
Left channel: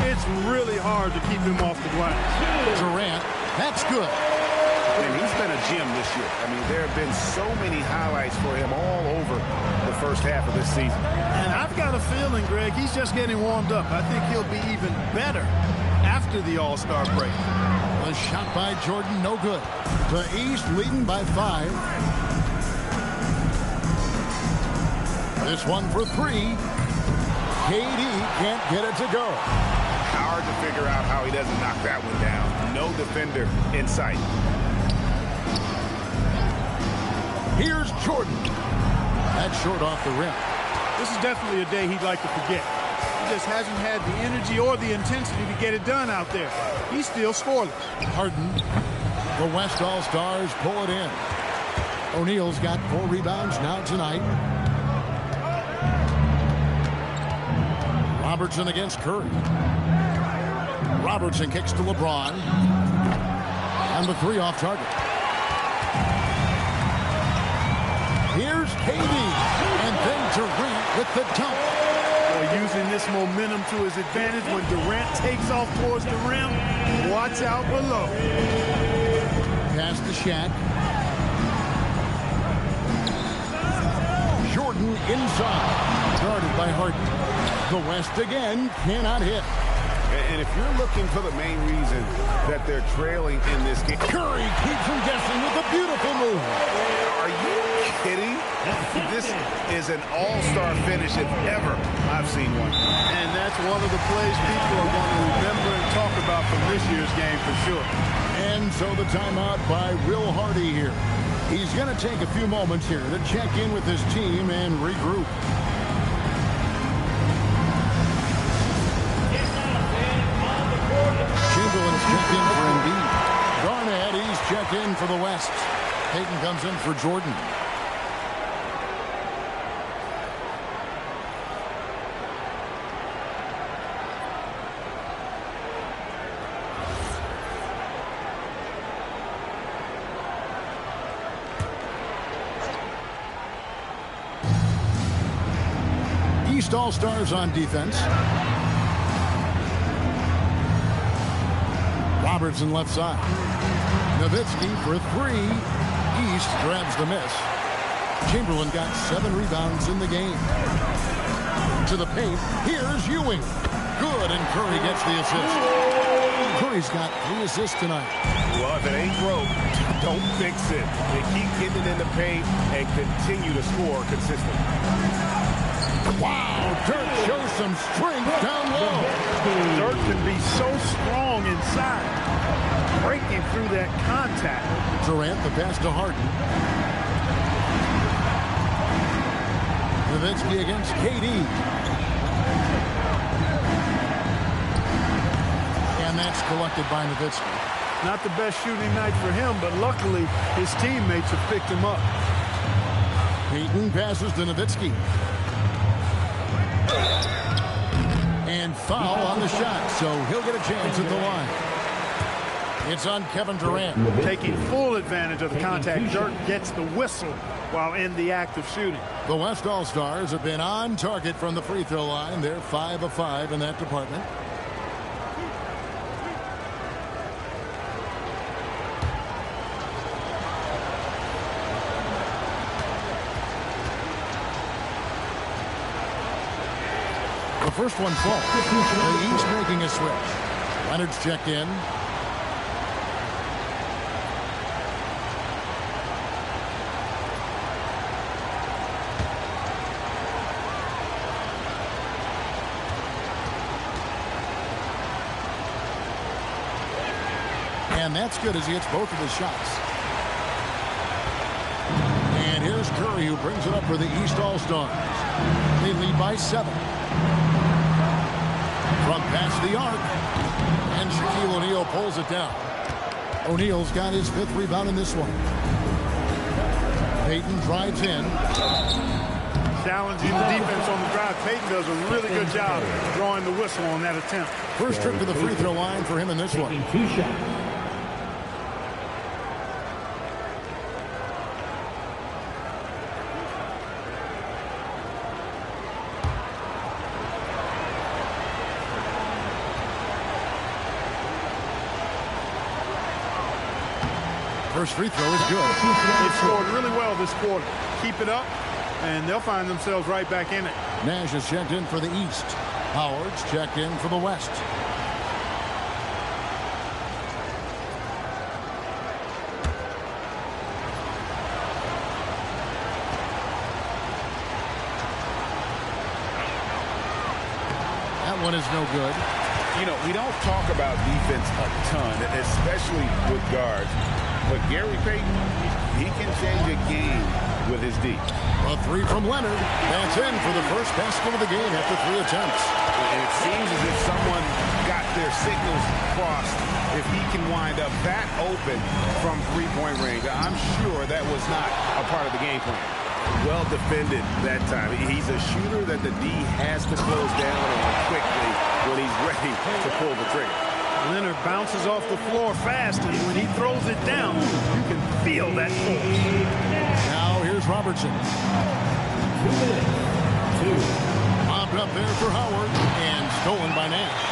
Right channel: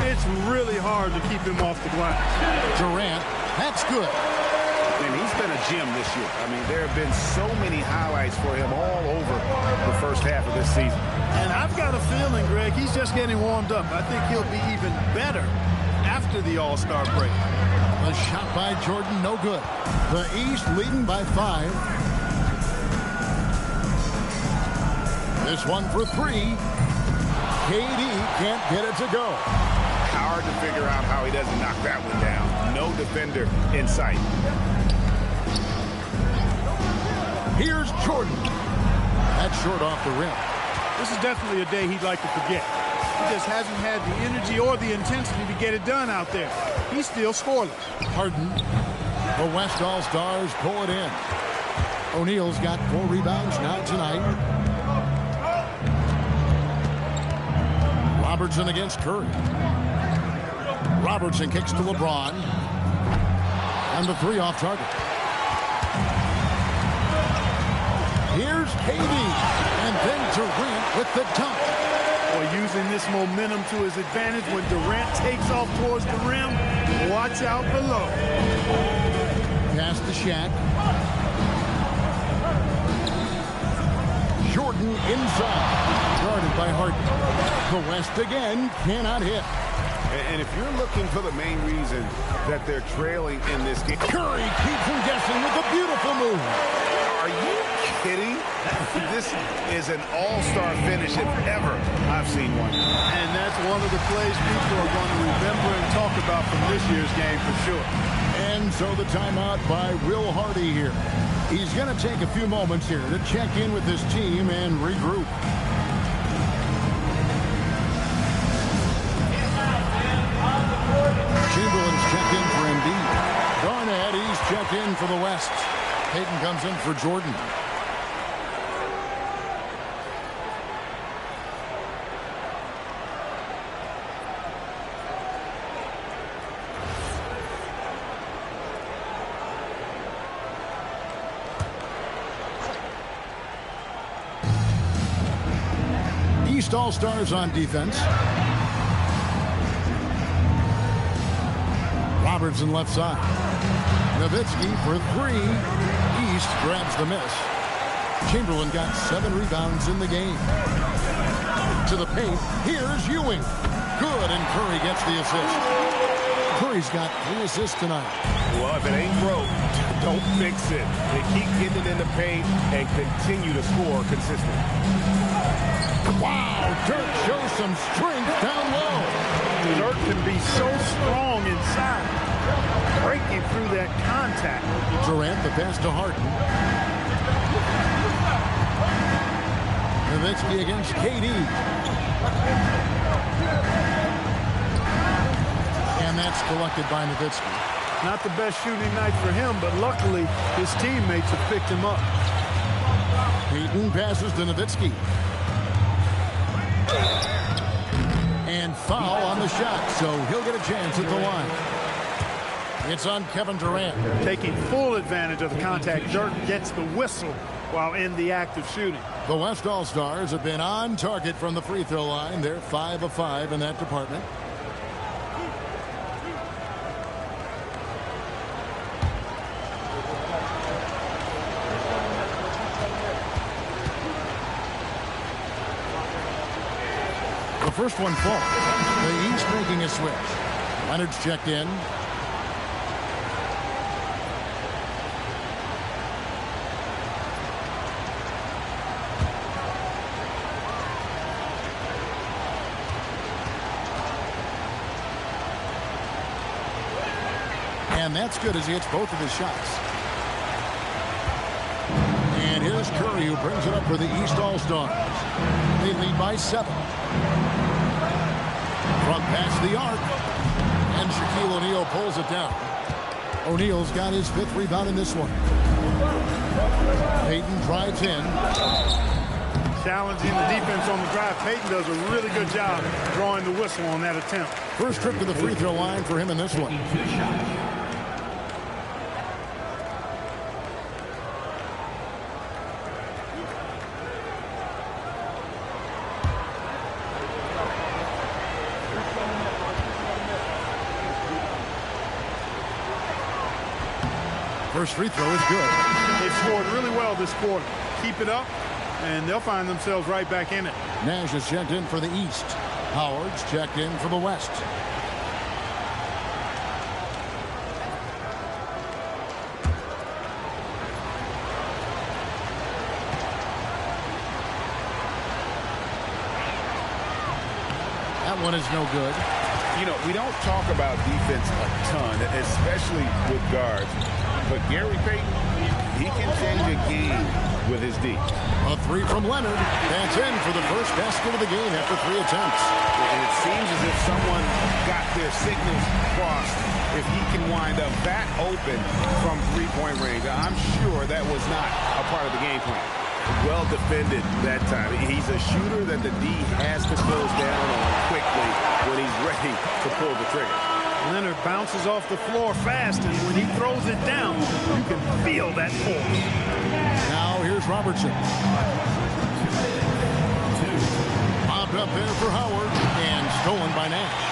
it's really hard to keep him off the glass. Durant, that's good. And he's been a gem this year. I mean, there have been so many highlights for him all over the first half of this season. And I've got a feeling, Greg, he's just getting warmed up. I think he'll be even better after the All-Star break. The shot by Jordan, no good. The East leading by 5. This one for 3. KD can't get it to go. Hard to figure out how he doesn't knock that one down. No defender in sight. Here's Jordan. That's short off the rim. This is definitely a day he'd like to forget. He just hasn't had the energy or the intensity to get it done out there. He's still scoreless. Harden. The West All-Stars pull it in. O'Neal's got 4 rebounds now tonight. Robertson against Curry. Robertson kicks to LeBron. And the 3 off target. Here's KD. And then Durant with the dunk. Or using this momentum to his advantage when Durant takes off towards the rim. Watch out below. Pass to Shaq. Jordan inside. Guarded by Harden. The West again cannot hit. And if you're looking for the main reason that they're trailing in this game. Curry keeps them guessing with a beautiful move. Are you kidding? This is an all-star finish if ever I've seen one. And that's one of the plays people are going to remember and talk about from this year's game for sure. And so the timeout by Will Hardy here. He's going to take a few moments here to check in with his team and regroup. Chamberlain's checked in for Embiid. Garnett, he's checked in for the West. Payton comes in for Jordan. East All-Stars on defense. Robertson left side. Nowitzki for 3. East grabs the miss. Chamberlain got 7 rebounds in the game. To the paint. Here's Ewing. Good, and Curry gets the assist. Curry's got 3 assists tonight. Well, if it ain't broke, don't fix it. They keep getting it in the paint and continue to score consistently. Wow, Dirk shows some strength down low. Dirk can be so strong inside, breaking through that contact. Durant, the pass to Harden. Nowitzki against KD. And that's collected by Nowitzki. Not the best shooting night for him, but luckily his teammates have picked him up. Payton passes to Nowitzki. And foul on the shot, so he'll get a chance at the line. It's on Kevin Durant. Taking full advantage of the contact. Dirk gets the whistle while in the act of shooting. The West All-Stars have been on target from the free throw line. They're 5 of 5 in that department. The first one falls. The East making a switch. Leonard's checked in. And that's good as he hits both of his shots. And here's Curry, who brings it up for the East All-Stars. They lead by 7. From past the arc. And Shaquille O'Neal pulls it down. O'Neal's got his 5th rebound in this one. Payton drives in. Challenging the defense on the drive. Payton does a really good job drawing the whistle on that attempt. First trip to the free throw line for him in this one. 2 shots. First free throw is good. They've scored really well this quarter. Keep it up, and they'll find themselves right back in it. Nash is checked in for the East. Howard's checked in for the West. That one is no good. You know, we don't talk about defense a ton, especially with guards. But Gary Payton, he can change a game with his D. A 3 from Leonard. That's in for the first basket of the game after 3 attempts. And it seems as if someone got their signals crossed. If he can wind up that open from three-point range, I'm sure that was not a part of the game plan. Well defended that time. He's a shooter that the D has to close down on quickly when he's ready to pull the trigger. Leonard bounces off the floor fast, and when he throws it down, you can feel that force. Now here's Robertson. Popped up there for Howard, and stolen by Nash.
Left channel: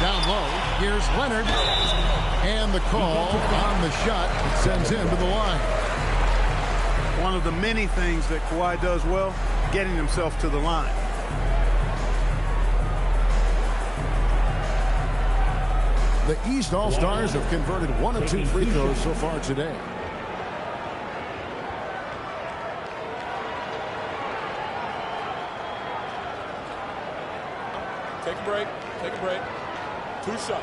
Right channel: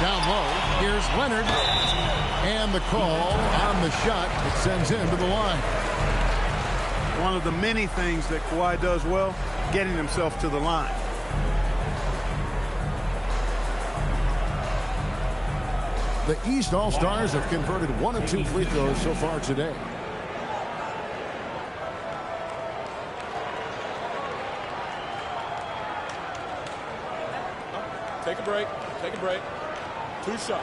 Down low, here's Leonard. And the call on the shot. It sends him to the line. One of the many things that Kawhi does well, getting himself to the line. The East All-Stars have converted 1 of 2 free throws so far today. Take a break. Take a break. 2 shots.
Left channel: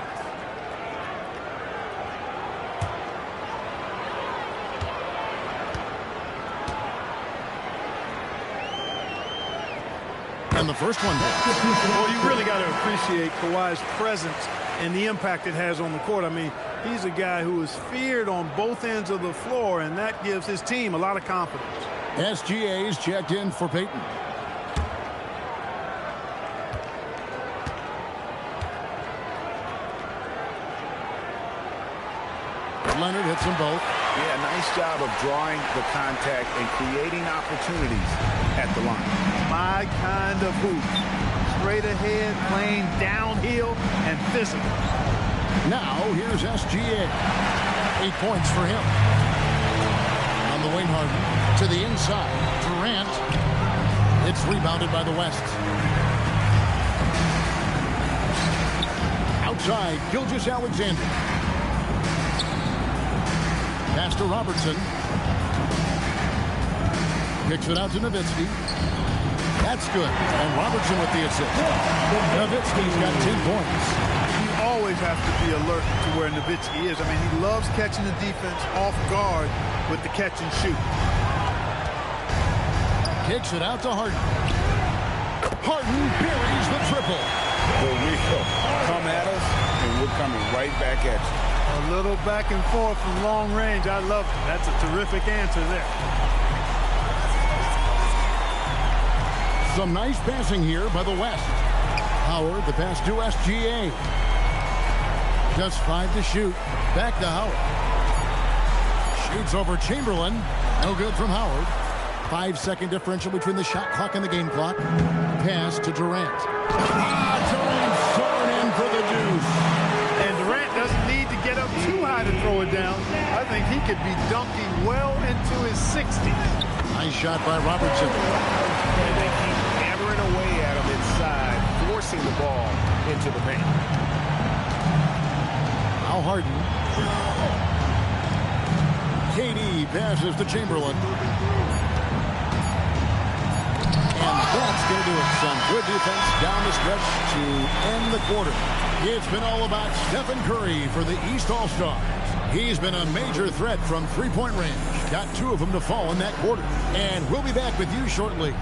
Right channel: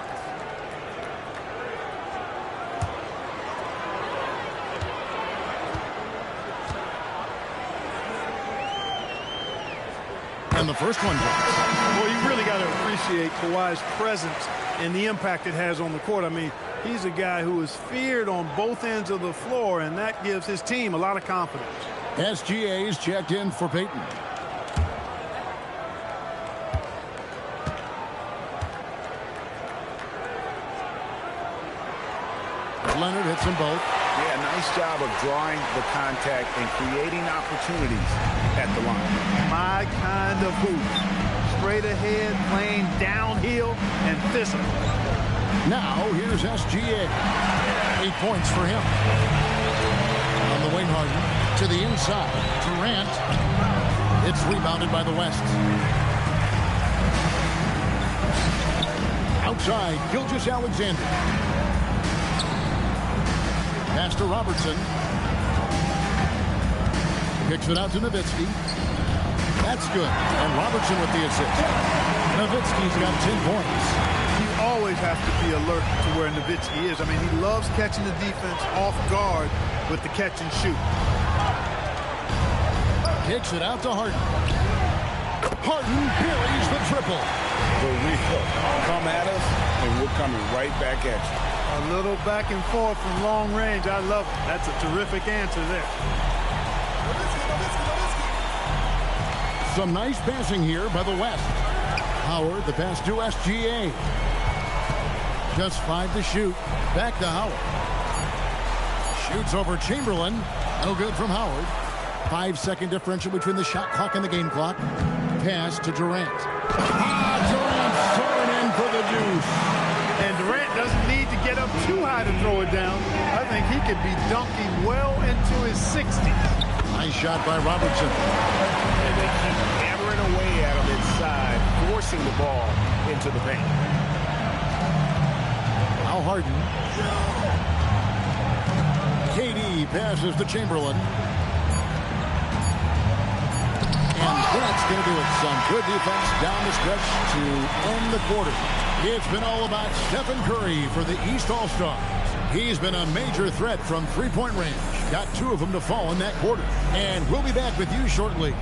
And the first one drops. Well, you really got to appreciate Kawhi's presence and the impact it has on the court. I mean, he's a guy who is feared on both ends of the floor, and that gives his team a lot of confidence. SGA's checked in for Payton. Leonard hits them both. Yeah, nice job of drawing the contact and creating opportunities at the line. My kind of hoop. Straight ahead, playing downhill, and physical. Now, here's SGA. 8 points for him. On the wing, Harden to the inside. Durant. It's rebounded by the West. Outside, Gilgeous-Alexander. Pass to Robertson. Kicks it out to Nowitzki. That's good. And Robertson with the assist. Nowitzki's got 10 points. You always have to be alert to where Nowitzki is. I mean, he loves catching the defense off guard with the catch and shoot. Kicks it out to Harden. Harden buries the triple. The real come at us, and we're coming right back at you. A little back and forth from long range. I love it. That's a terrific answer there. Some nice passing here by the West. Howard, the pass to SGA. Just 5 to shoot. Back to Howard. Shoots over Chamberlain. No good from Howard. 5-second differential between the shot clock and the game clock. Pass to Durant. Durant soaring in for the deuce. And Durant doesn't need to get up too high to throw it down. I think he could be dunking well into his 60s. Nice shot by Robertson. And they keep hammering away at him inside, forcing the ball into the paint. Now Harden. KD passes to Chamberlain. And that's going to do it. Some good defense down the stretch to end the quarter. It's been all about Stephen Curry for the East All-Stars. He's been a major threat from three-point range. Got 2 of them to fall in that quarter. And we'll be back with you shortly.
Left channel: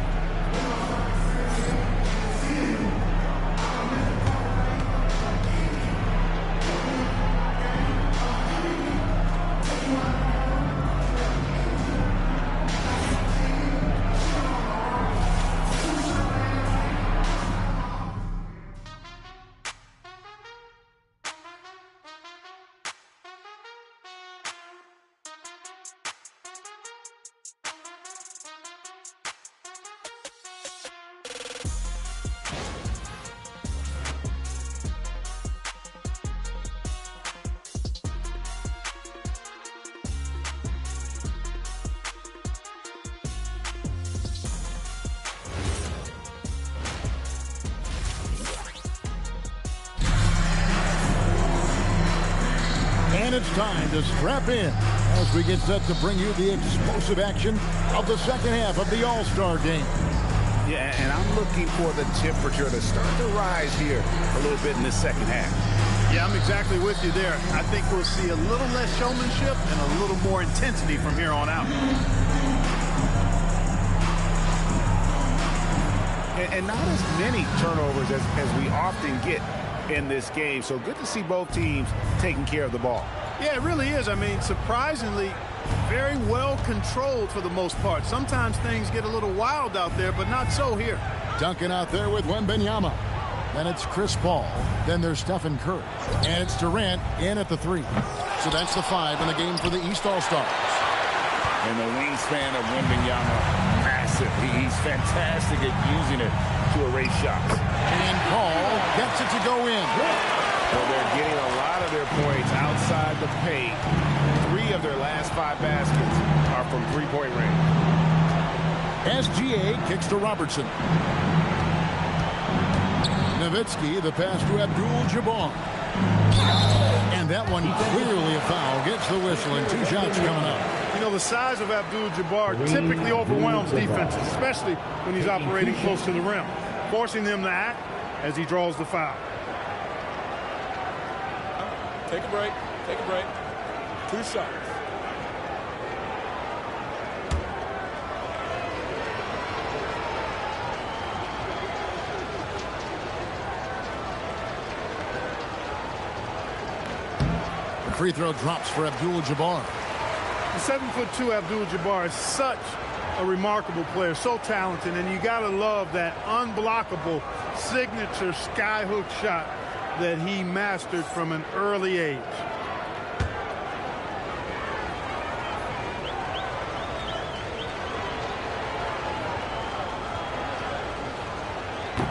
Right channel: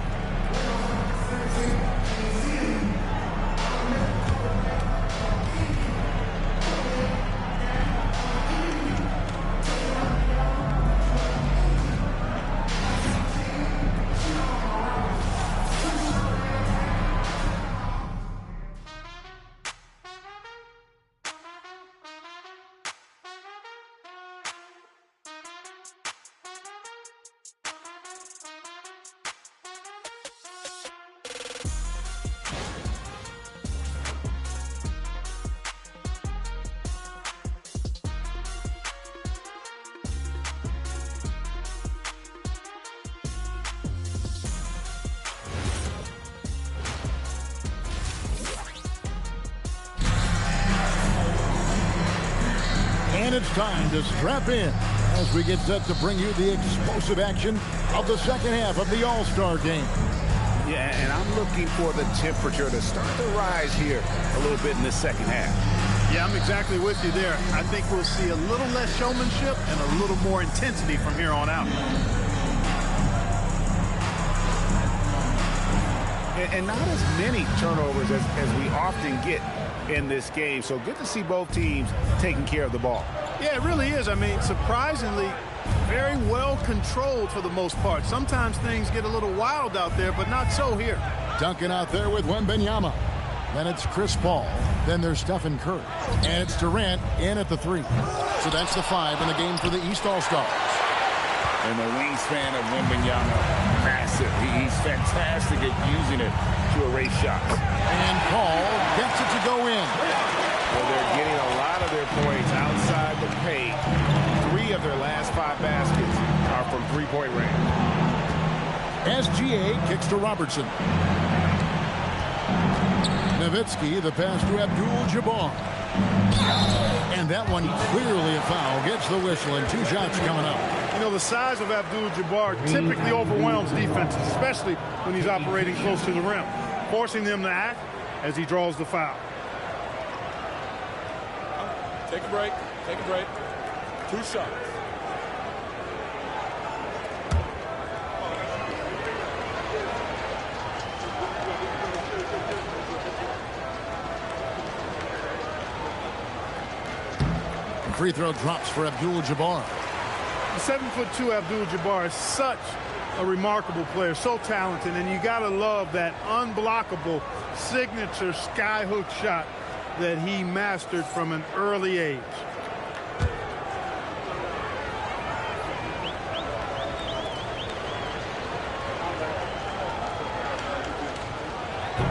And it's time to strap in as we get set to bring you the explosive action of the second half of the All-Star game. Yeah, and I'm looking for the temperature to start to rise here a little bit in the second half. Yeah, I'm exactly with you there. I think we'll see a little less showmanship and a little more intensity from here on out. And not as many turnovers as we often get in this game. So good to see both teams taking care of the ball. Yeah, it really is. I mean, surprisingly, very well controlled for the most part. Sometimes things get a little wild out there, but not so here. Duncan out there with Wembanyama. Then it's Chris Paul. Then there's Stephen Curry. And it's Durant in at the 3. So that's the 5 in the game for the East All-Stars. And the wingspan of Wembanyama, massive. He's fantastic at using it to erase shots. And Paul gets it to go in. Well, they're getting a lot of their points outside the paint. 3 of their last 5 baskets are from three-point range. SGA kicks to Robertson. Nowitzki, the pass to Abdul-Jabbar. And that one clearly a foul. Gets the whistle and 2 shots coming up. You know, the size of Abdul-Jabbar typically overwhelms defenses, especially when he's operating close to the rim, forcing them to act as he draws the foul. Take a break. Take a break. 2 shots. The free throw drops for Abdul-Jabbar. The 7'2" Abdul-Jabbar is such a remarkable player, so talented, and you got to love that unblockable signature skyhook shot that he mastered from an early age.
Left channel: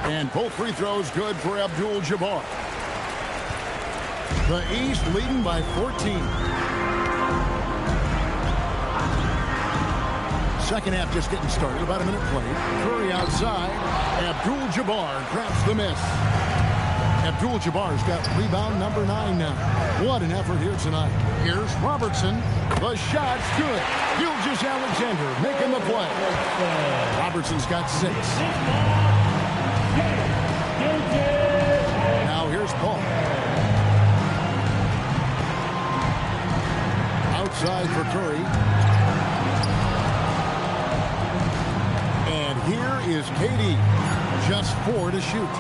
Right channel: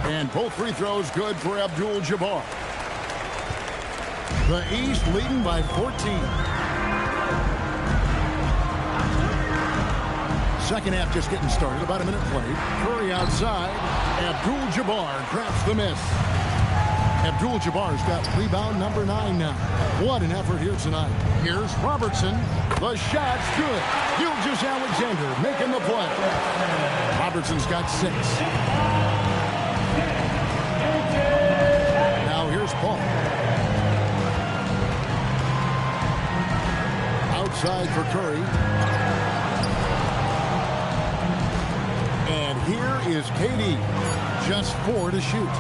And both free throws good for Abdul-Jabbar. The East leading by 14. Second half just getting started. About a minute played. Curry outside. Abdul-Jabbar grabs the miss. Abdul-Jabbar's got rebound number 9 now. What an effort here tonight. Here's Robertson. The shot's good. Gilgeous-Alexander making the play. Robertson's got 6. Now here's Paul. Outside for Curry. And here is KD. Just 4 to shoot.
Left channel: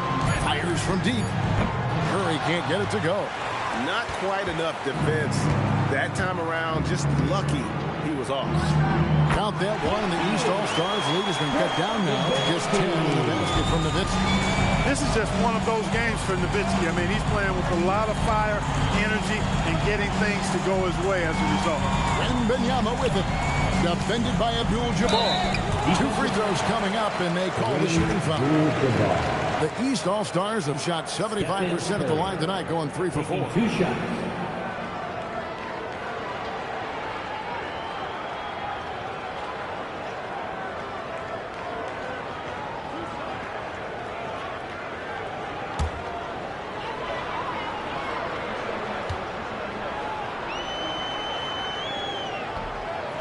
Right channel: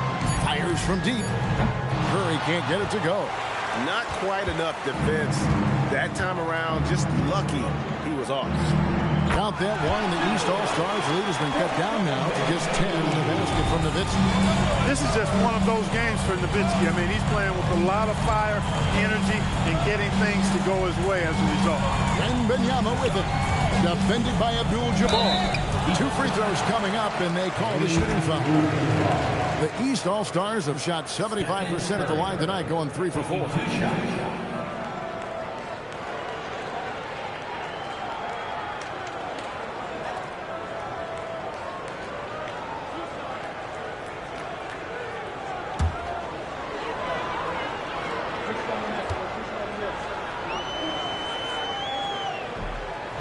Fires from deep. Curry can't get it to go. Not quite enough defense. That time around, just lucky he was off. Count that one, and the East All-Stars lead has been cut down now to just 10 in the basket from Nowitzki. This is just one of those games for Nowitzki. I mean, he's playing with a lot of fire, energy, and getting things to go his way as a result. And Benyama with it. Defended by Abdul-Jabbar. 2 free throws coming up, and they call the shooting foul. The East All-Stars have shot 75% at the line tonight, going 3 for 4. 2 shots.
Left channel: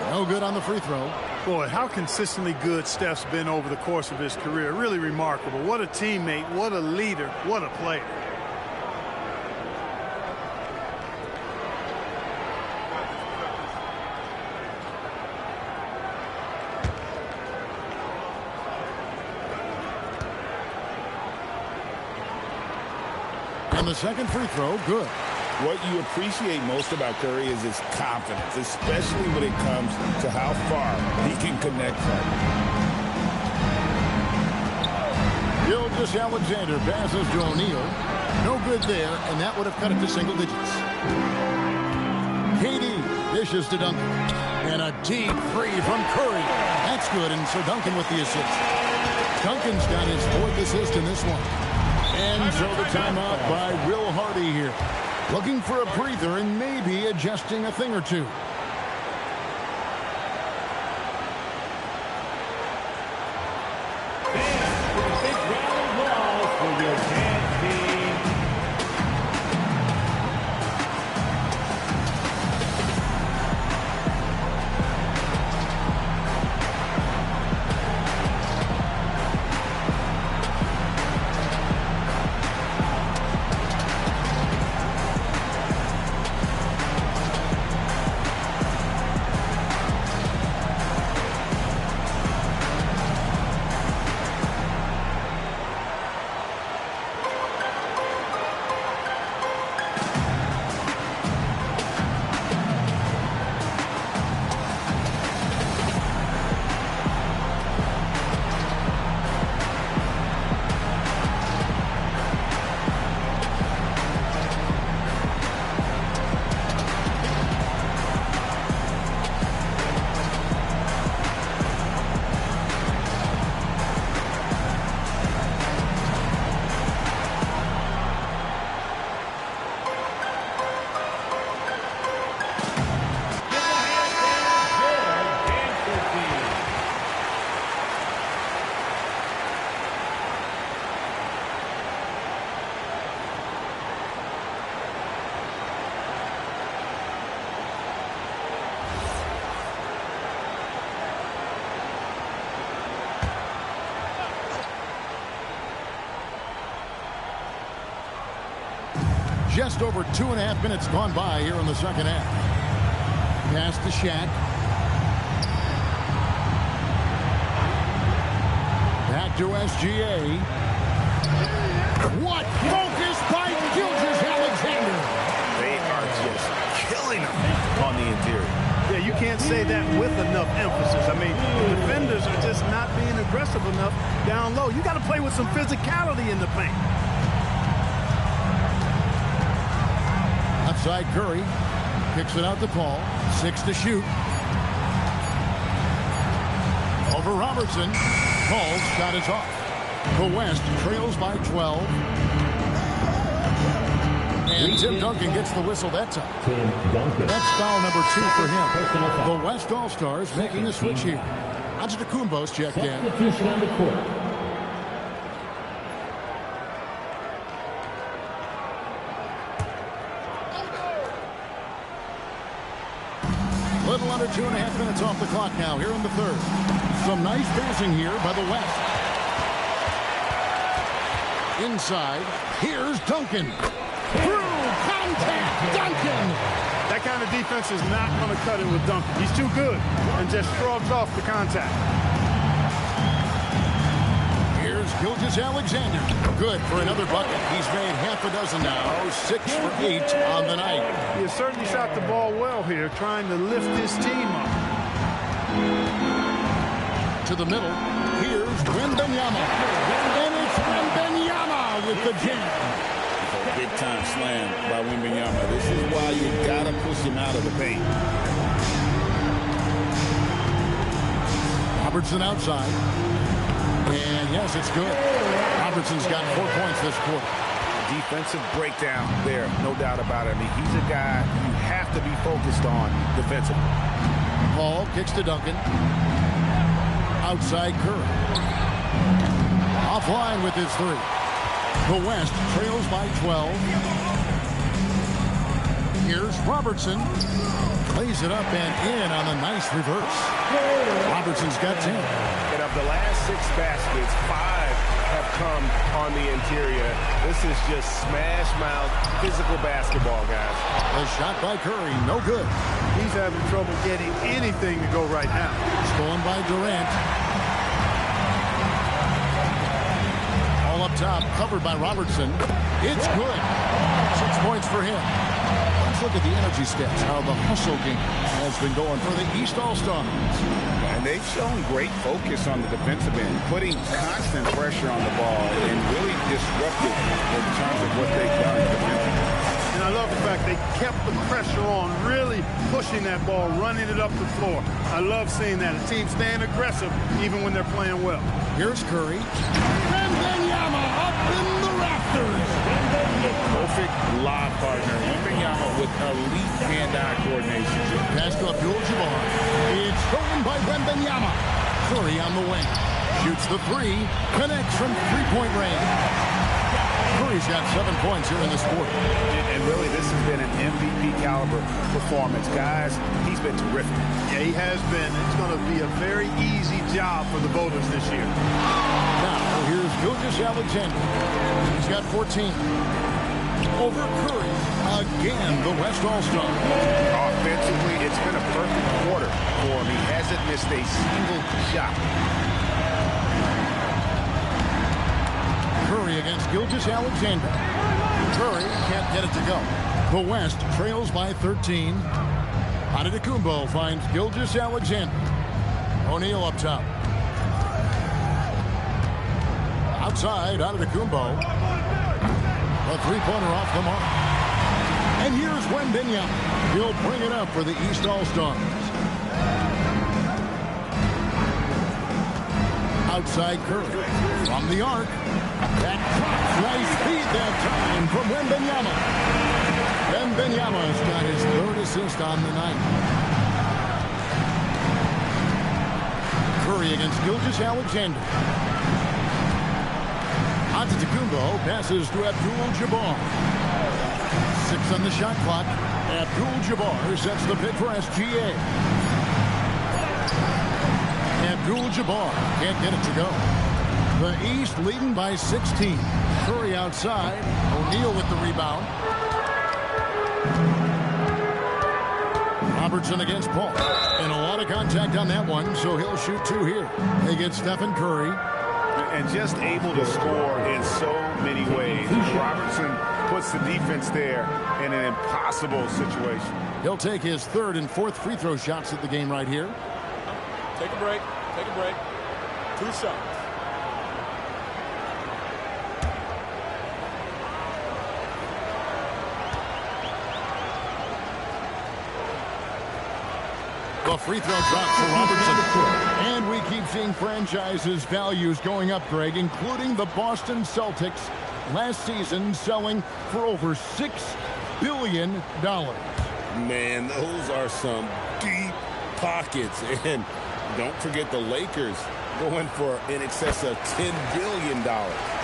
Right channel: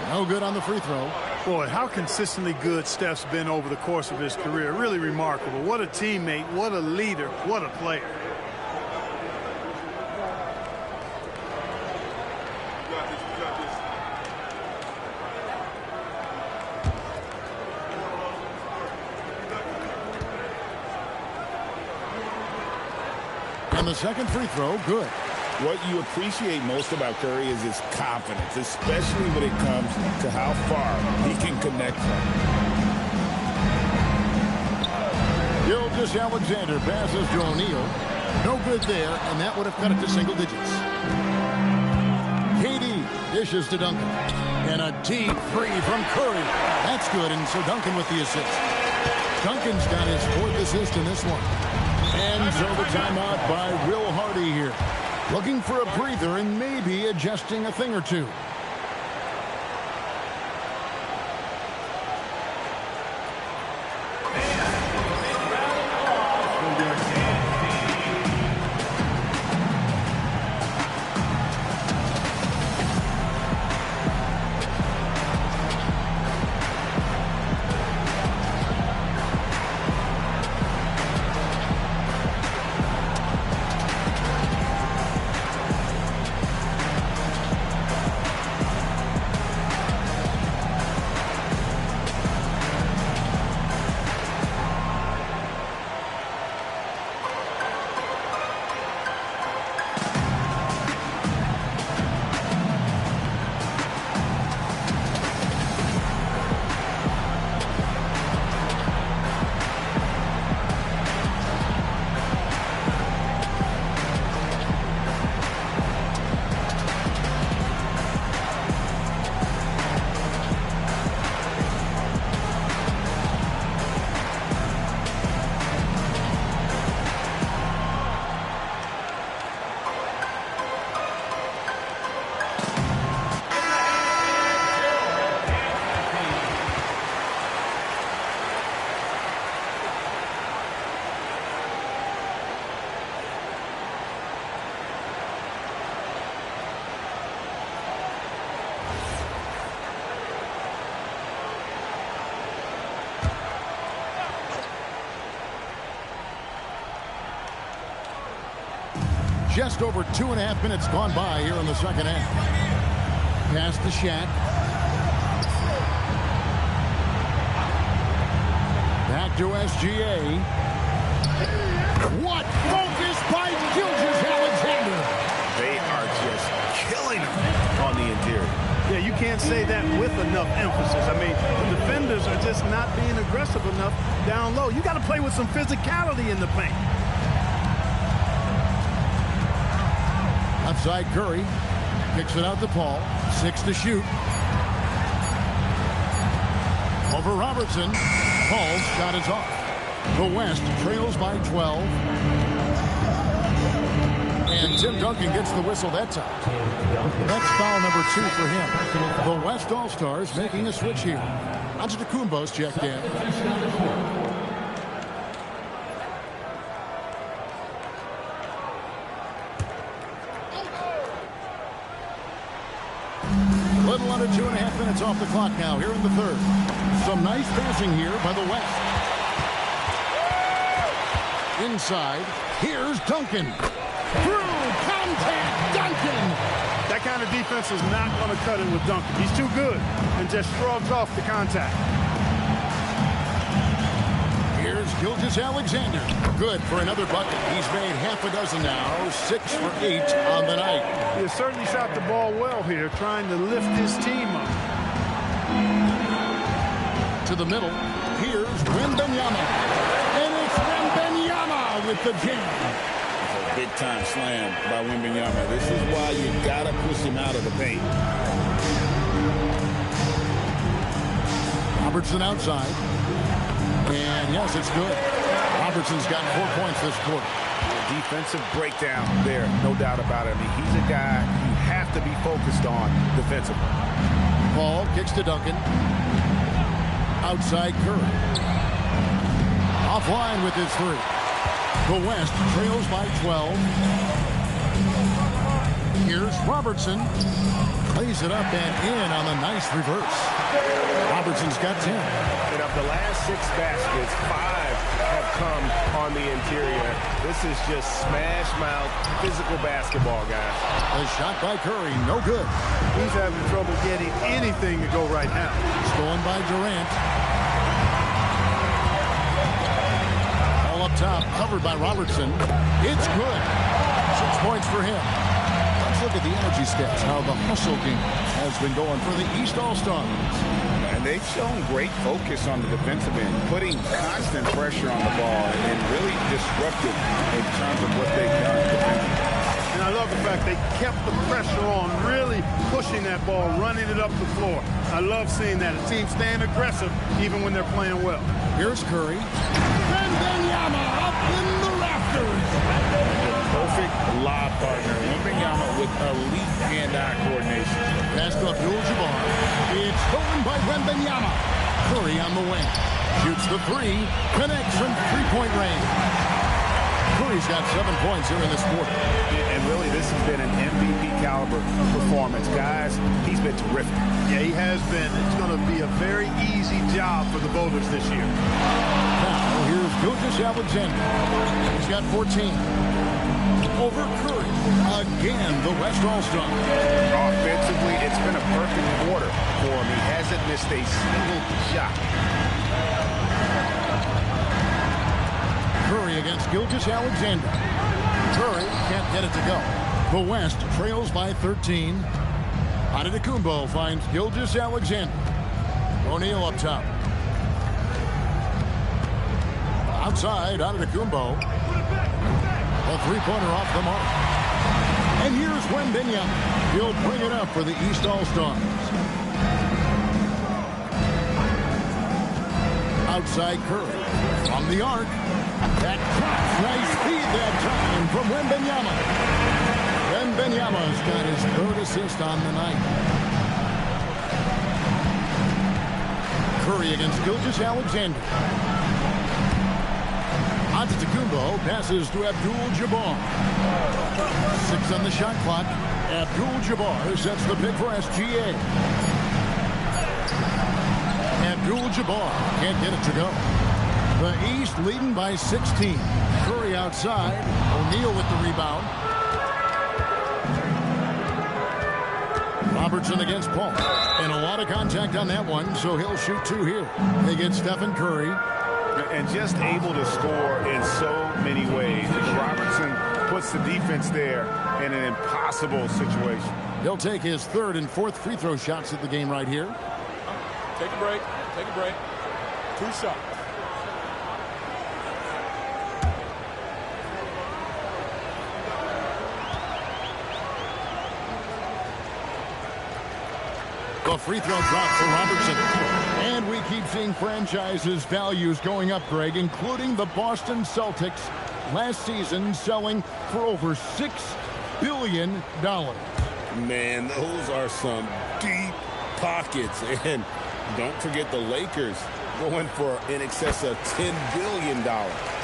No good on the free throw. Boy, how consistently good Steph's been over the course of his career. Really remarkable. What a teammate, what a leader, what a player. And the second free throw, good. What you appreciate most about Curry is his confidence, especially when it comes to how far he can connect from. Gilgeous-Alexander passes to O'Neal. No good there, and that would have cut it to single digits. KD dishes to Duncan. And a deep three from Curry. That's good, and so Duncan with the assist. Duncan's got his 4th assist in this one. And so the timeout by Will Hardy here. Looking for a breather and maybe adjusting a thing or two. Just over 2.5 minutes gone by here in the second half. Pass to Shaq. Back to SGA. What focus by Gilgeous-Alexander. They are just killing him on the interior. Yeah, you can't say that with enough emphasis. I mean, the defenders are just not being aggressive enough down low. You got to play with some physicality in the paint. Outside Curry. Kicks it out to Paul. 6 to shoot. Over Robertson. Paul's shot is off. The West trails by 12. And Tim Duncan gets the whistle that time. That's foul number 2 for him. The West All-Stars making a switch here. Antetokounmpo's checked in. Little under 2.5 minutes off the clock now here in the third. Some nice passing here by the West. Inside, here's Duncan. Through contact, Duncan. That kind of defense is not going to cut it with Duncan. He's too good and just shrugs off the contact. Here's Gilgeous-Alexander. Good for another bucket. He's made half a dozen now. 6 for 8 on the night. He has certainly shot the ball well here, trying to lift his team up. To the middle. Here's Wembanyama. And it's Wembanyama with the jam. A big-time slam by Wembanyama. This is why you got to push him out of the paint. Robertson outside. And yes, it's good. Robertson's got 4 points this quarter. Defensive breakdown there, no doubt about it. I mean, he's a guy you have to be focused on defensively. Paul kicks to Duncan. Outside Curry. Offline with his 3. The West trails by 12. Here's Robertson. Lays it up and in on the nice reverse. Robertson's got 10. And of the last 6 baskets, 5 have come on the interior. This is just smash mouth physical basketball, guys. The shot by Curry, no good. He's having trouble getting anything to go right now. Stolen by Durant. All up top, covered by Robertson. It's good. 6 points for him. Let's look at the energy stats, how the hustle game has been going for the East All-Stars. And they've shown great focus on the defensive end, putting constant pressure on the ball and really disruptive in terms of what they've done defensively. And I love the fact they kept the pressure on, really pushing that ball, running it up the floor. I love seeing that. A team staying aggressive even when they're playing well. Here's Curry. Wembanyama up in the rafters. The perfect lob partner. Wembanyama with elite hand-eye coordination. Pass to Abdul-Jabbar. It's stolen by Wembanyama. Curry on the wing. Shoots the 3. Connects from three-point range. Curry's got 7 points here in this quarter. And really, this has been an MVP caliber performance. Guys, he's been terrific. Yeah, he has been. It's going to be a very easy job for the voters this year. Now, here's Gilgeous-Alexander. He's got 14. Over Curry. Again, the West All-Star. Offensively, it's been a perfect quarter for him. He hasn't missed a single shot. Curry against Gilgeous-Alexander. Curry can't get it to go. The West trails by 13. Antetokounmpo finds Gilgeous-Alexander. O'Neal up top. Outside, Antetokounmpo. A three-pointer off the mark. And here's Wembanyama. He'll bring it up for the East All-Stars. Outside Curry. From the arc. That drops. Nice feed that time from Wembanyama. Wembanyama's got his 3rd assist on the night. Curry against Gilgeous-Alexander. Antetokounmpo passes to Abdul-Jabbar. 6 on the shot clock. Abdul-Jabbar sets the pick for SGA. Abdul-Jabbar can't get it to go. The East leading by 16. Curry outside. O'Neal with the rebound. Robertson against Paul. And a lot of contact on that one, so he'll shoot 2 here. They get Stephen Curry. And just able to score in so many ways. Robertson puts the defense there in an impossible situation. He'll take his 3rd and 4th free throw shots at the game right here. Take a break. Take a break. 2 shots. The free throw drops for Robertson. And we keep seeing franchises' values going up, Greg, including the Boston Celtics last season selling for over $6 billion. Man, those are some deep pockets. And don't forget the Lakers going for in excess of $10 billion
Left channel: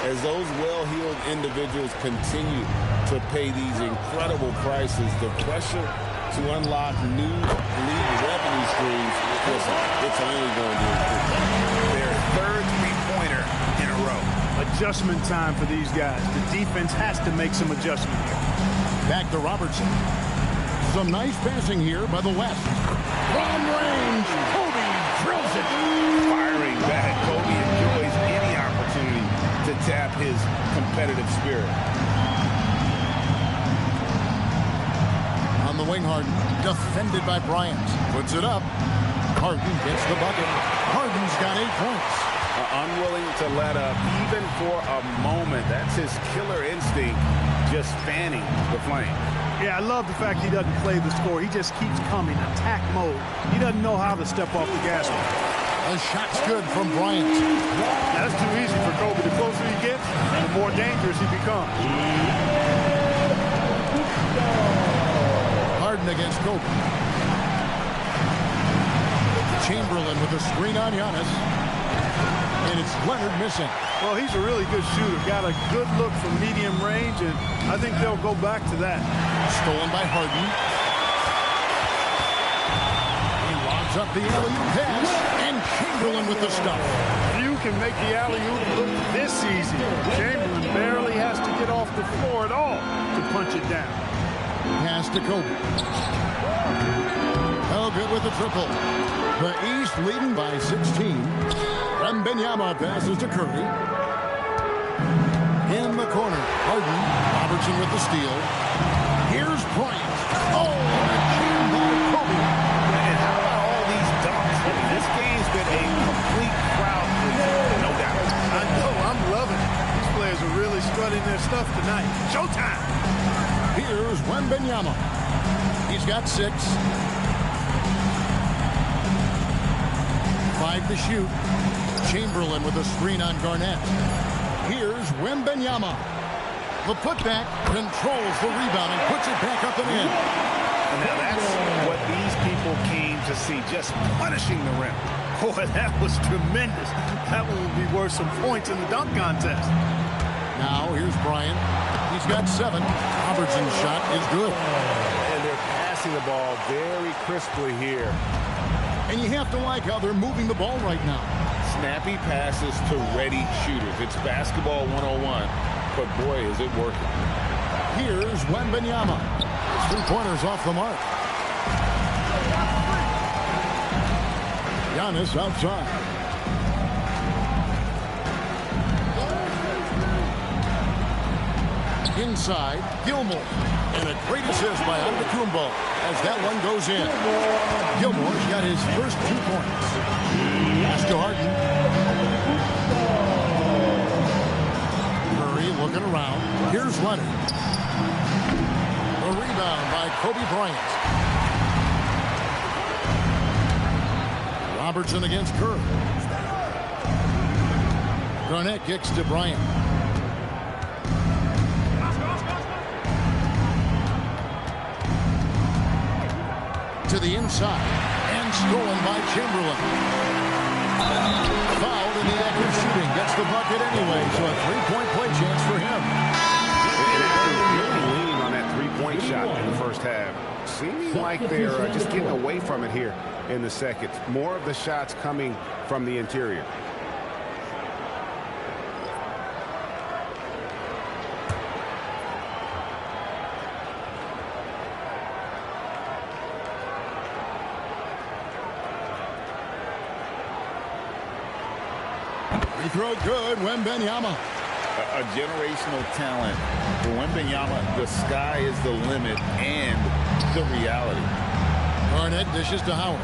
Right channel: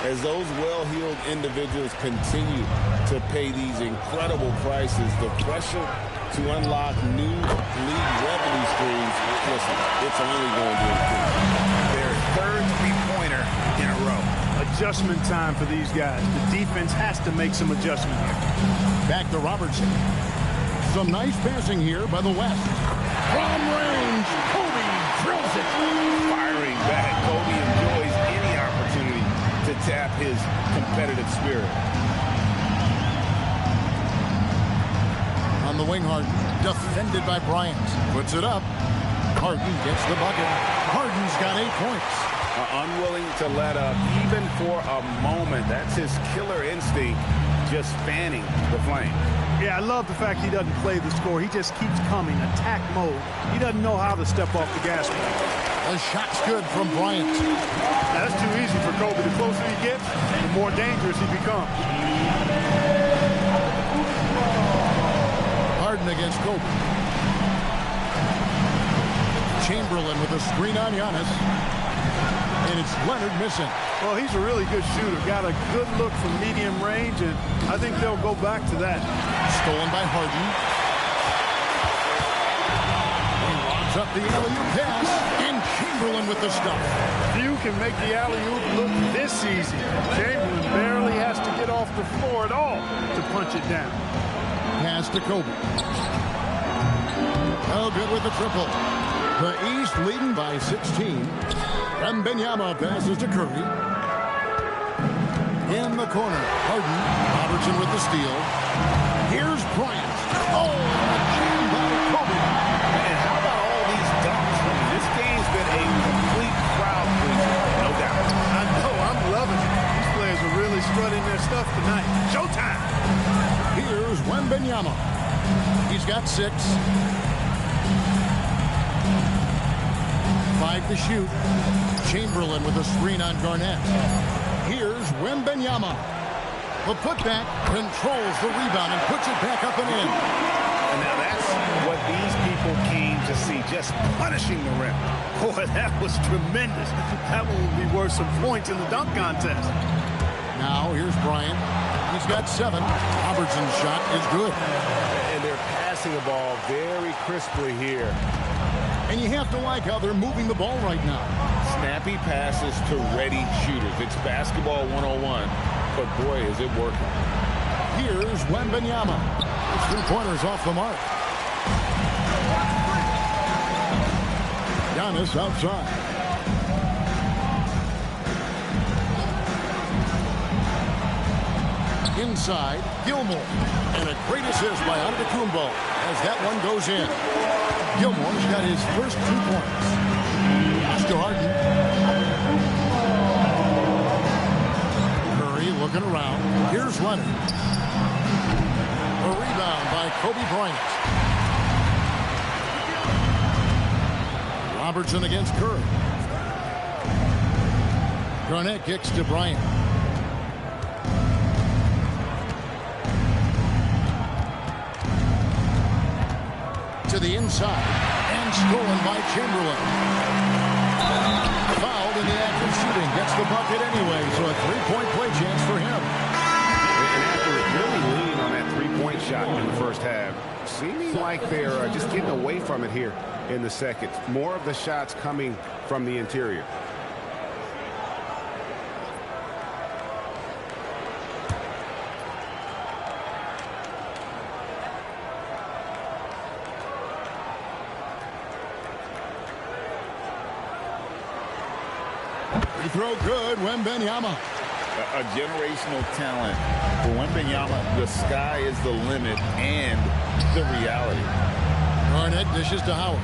as those well-heeled individuals continue to pay these incredible prices. The pressure to unlock new league revenue streams, listen, it's only going to increase. Their 3rd three-pointer in a row. Adjustment time for these guys. The defense has to make some adjustment here. Back to Robertson. Some nice passing here by the West. From range, Kobe drills it. Firing back, Kobe enjoys any opportunity to tap his competitive spirit. On the wing, Harden, defended by Bryant. Puts it up. Harden gets the bucket. Harden's got 8 points. Unwilling to let up even for a moment. That's his killer instinct, just fanning the flame. Yeah, I love the fact he doesn't play the score. He just keeps coming, attack mode. He doesn't know how to step off the gas pedal. The shot's good from Bryant. Now, that's too easy for Kobe. The closer he gets, the more dangerous he becomes. Harden against Kobe. Chamberlain with a screen on Giannis. And it's Leonard missing. Well, he's a really good shooter. Got a good look from medium range, and I think they'll go back to that. Stolen by Harden. He lobs up the alley-oop pass, and Chamberlain with the stuff. Few can make the alley-oop look this easy. Chamberlain barely has to get off the floor at all to punch it down. Pass to Kobe. Oh, good with the triple. The East leading by 16. Wembanyama passes to Curry. In the corner, Harden. Robertson with the steal. Here's Bryant. Oh, and a jam by Kobe. And how about all these dunks? I mean, this game's been a complete crowd pleaser, no doubt. I know, I'm loving it. These players are really strutting their stuff tonight. Showtime! Here's Wembanyama. He's got 6. 5 to shoot. Chamberlain with a screen on Garnett. Here's Wembanyama. The putback controls the rebound and puts it back up and in. And now that's what these people came to see, just punishing the rim. Boy, that was tremendous. That one will be worth some points in the dunk contest. Now here's Bryant. He's got 7. Robertson's shot is good. And they're passing the ball very crisply here. And you have to like how they're moving the ball right now. Snappy passes to ready shooters. It's basketball 101, but boy, is it working. Here's Wembanyama. His 3-pointers off the mark. Giannis outside. Inside, Gilmore. And a great assist by Antetokounmpo as that one goes in. Gilmore's got his first 2 points. Pass to Harden. Curry looking around. Here's Leonard. A rebound by Kobe Bryant. Robertson against Curry. Garnett kicks to Bryant. To the inside and stolen by Chamberlain. Fouled in the act of shooting. Gets the bucket anyway, so a 3-point play chance for him. And after really leaning on that 3-point shot in the first half, seeming like they're just getting away from it here in the second. More of the shots coming from the interior. Free throw good, Wembanyama. A generational talent. For Wembanyama, the sky is the limit and the reality. Garnett dishes to Howard.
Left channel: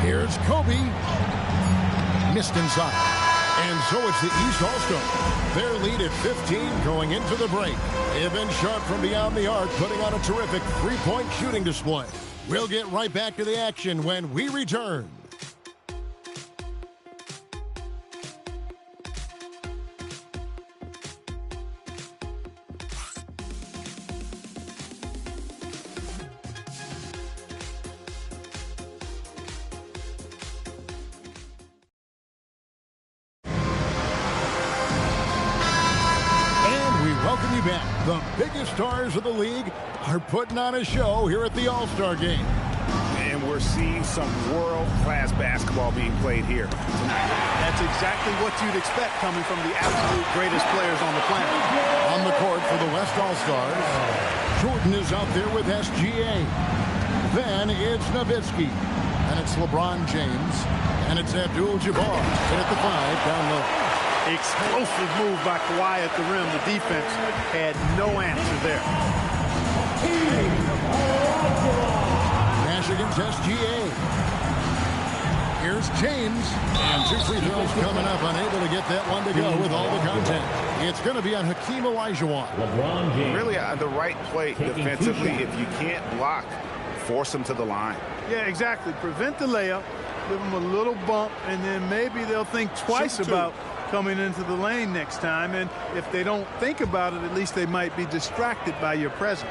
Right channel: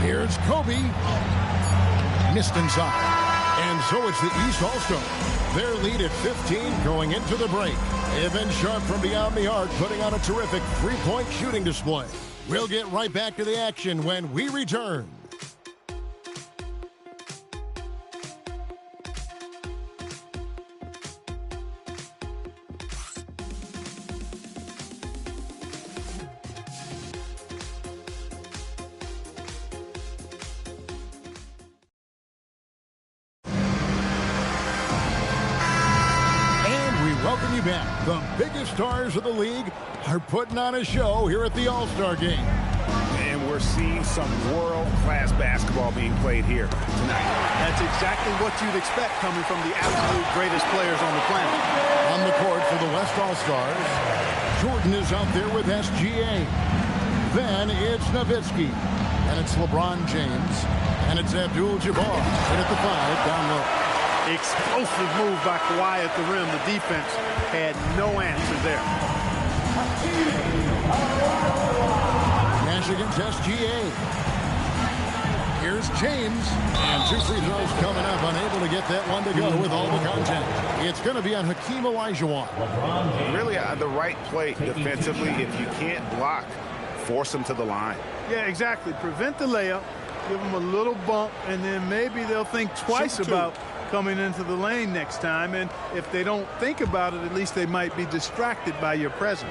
Here's Kobe. Missed inside. And so it's the East All-Star. Their lead at 15 going into the break. They have been sharp from beyond the arc, putting on a terrific 3-point shooting display. We'll get right back to the action when we return. Welcome you back. The biggest stars of the league are putting on a show here at the All-Star Game. And we're seeing some world-class basketball being played here tonight. That's exactly what you'd expect coming from the absolute greatest players on the planet. On the court for the West All-Stars, Jordan is out there with SGA. Then it's Nowitzki. And it's LeBron James. And it's Abdul-Jabbar. And at the 5, down low. Explosive move by Kawhi at the rim. The defense had no answer there. Nash against SGA. Here's James. And 2 free throws coming up. Unable to get that one to go with all the contact. It's going to be on Hakeem Olajuwon. Really the right play defensively. If you can't block, force them to the line. Yeah, exactly. Prevent the layup. Give them a little bump. And then maybe they'll think twice about coming into the lane next time. And if they don't think about it, at least they might be distracted by your presence.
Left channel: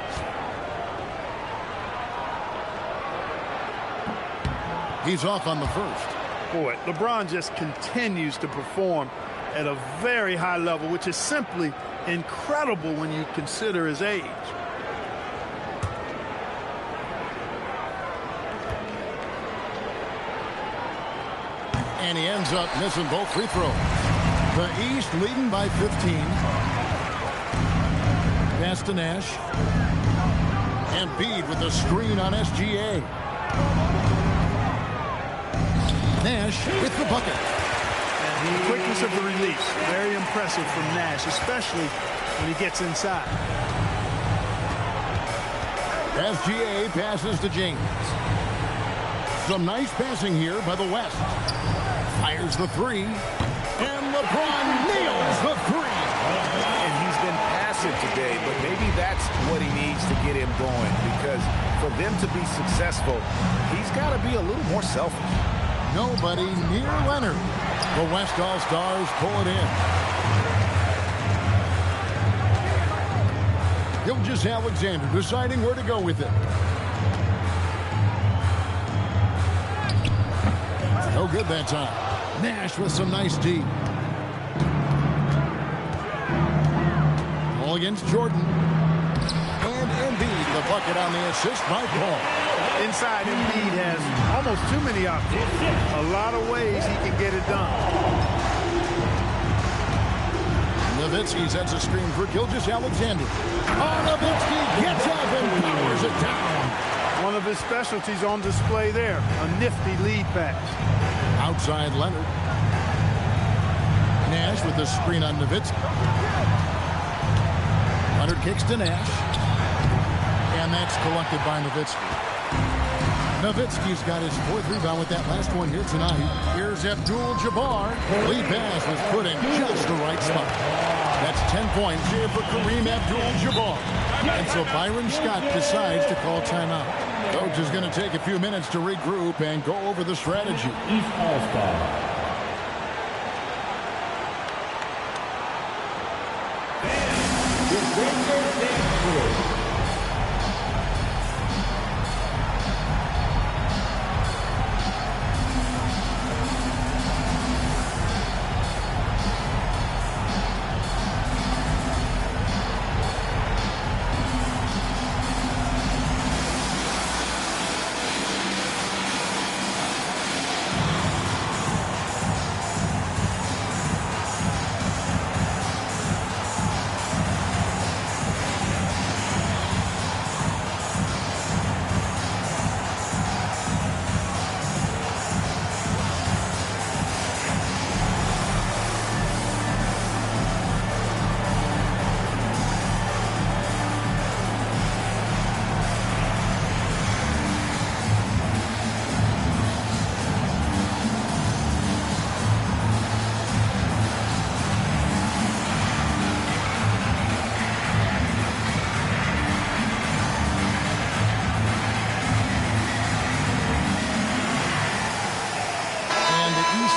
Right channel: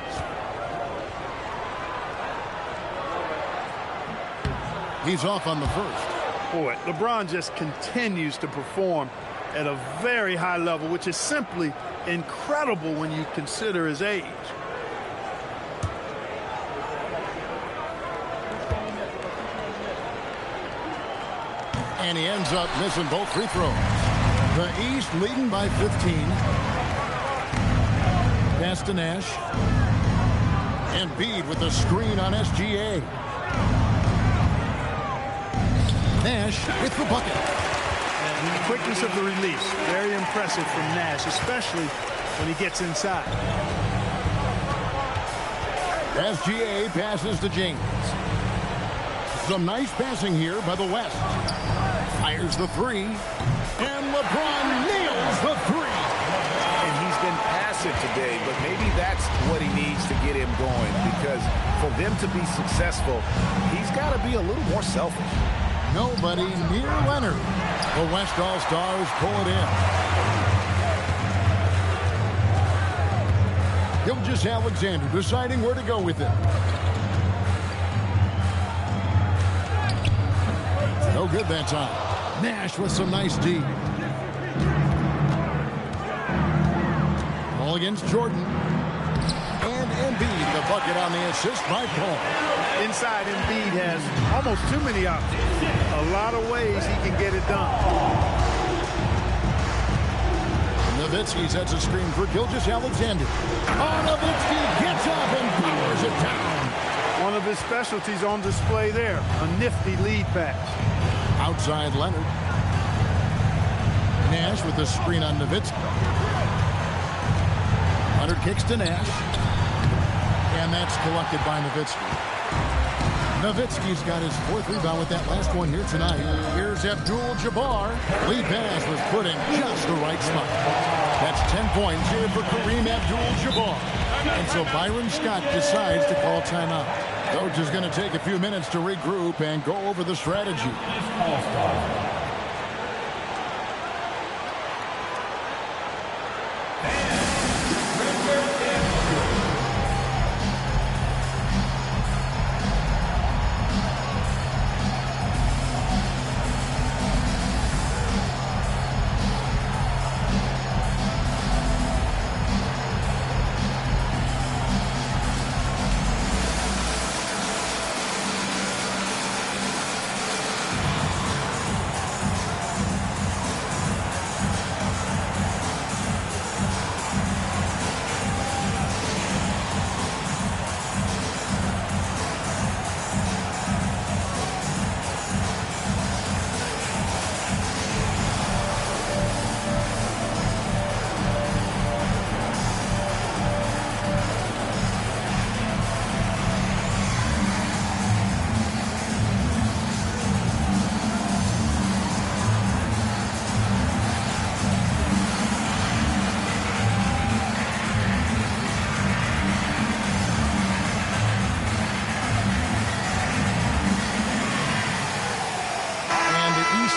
He's off on the first. Boy, LeBron just continues to perform at a very high level, which is simply incredible when you consider his age. And he ends up missing both free throws. The East leading by 15. Pass to Nash. Embiid with the screen on SGA. Nash with the bucket. And the quickness of the release, very impressive from Nash, especially when he gets inside. SGA passes to James. Some nice passing here by the West. Fires the three. And LeBron nails the three. And he's been passive today, but maybe that's what he needs to get him going, because for them to be successful, he's got to be a little more selfish. Nobody near Leonard. The West All-Stars pull it in. Gilgeous-Alexander deciding where to go with it. No good that time. Nash with some nice D. Ball against Jordan. And Embiid, the bucket on the assist by Paul. Inside, Embiid has almost too many options. A lot of ways he can get it done. Nowitzki sets a screen for Gilgeous-Alexander. Oh, Nowitzki gets up and powers it down. One of his specialties on display there. A nifty lead pass. Outside Leonard. Nash with the screen on Nowitzki. Leonard kicks to Nash. And that's collected by Nowitzki. Nowitzki's got his 4th rebound with that last one here tonight. Here's Abdul-Jabbar. Lead pass was put in just the right spot. That's 10 points here for Kareem Abdul-Jabbar. And so Byron Scott decides to call timeout. Coach is going to take a few minutes to regroup and go over the strategy. East All-Star.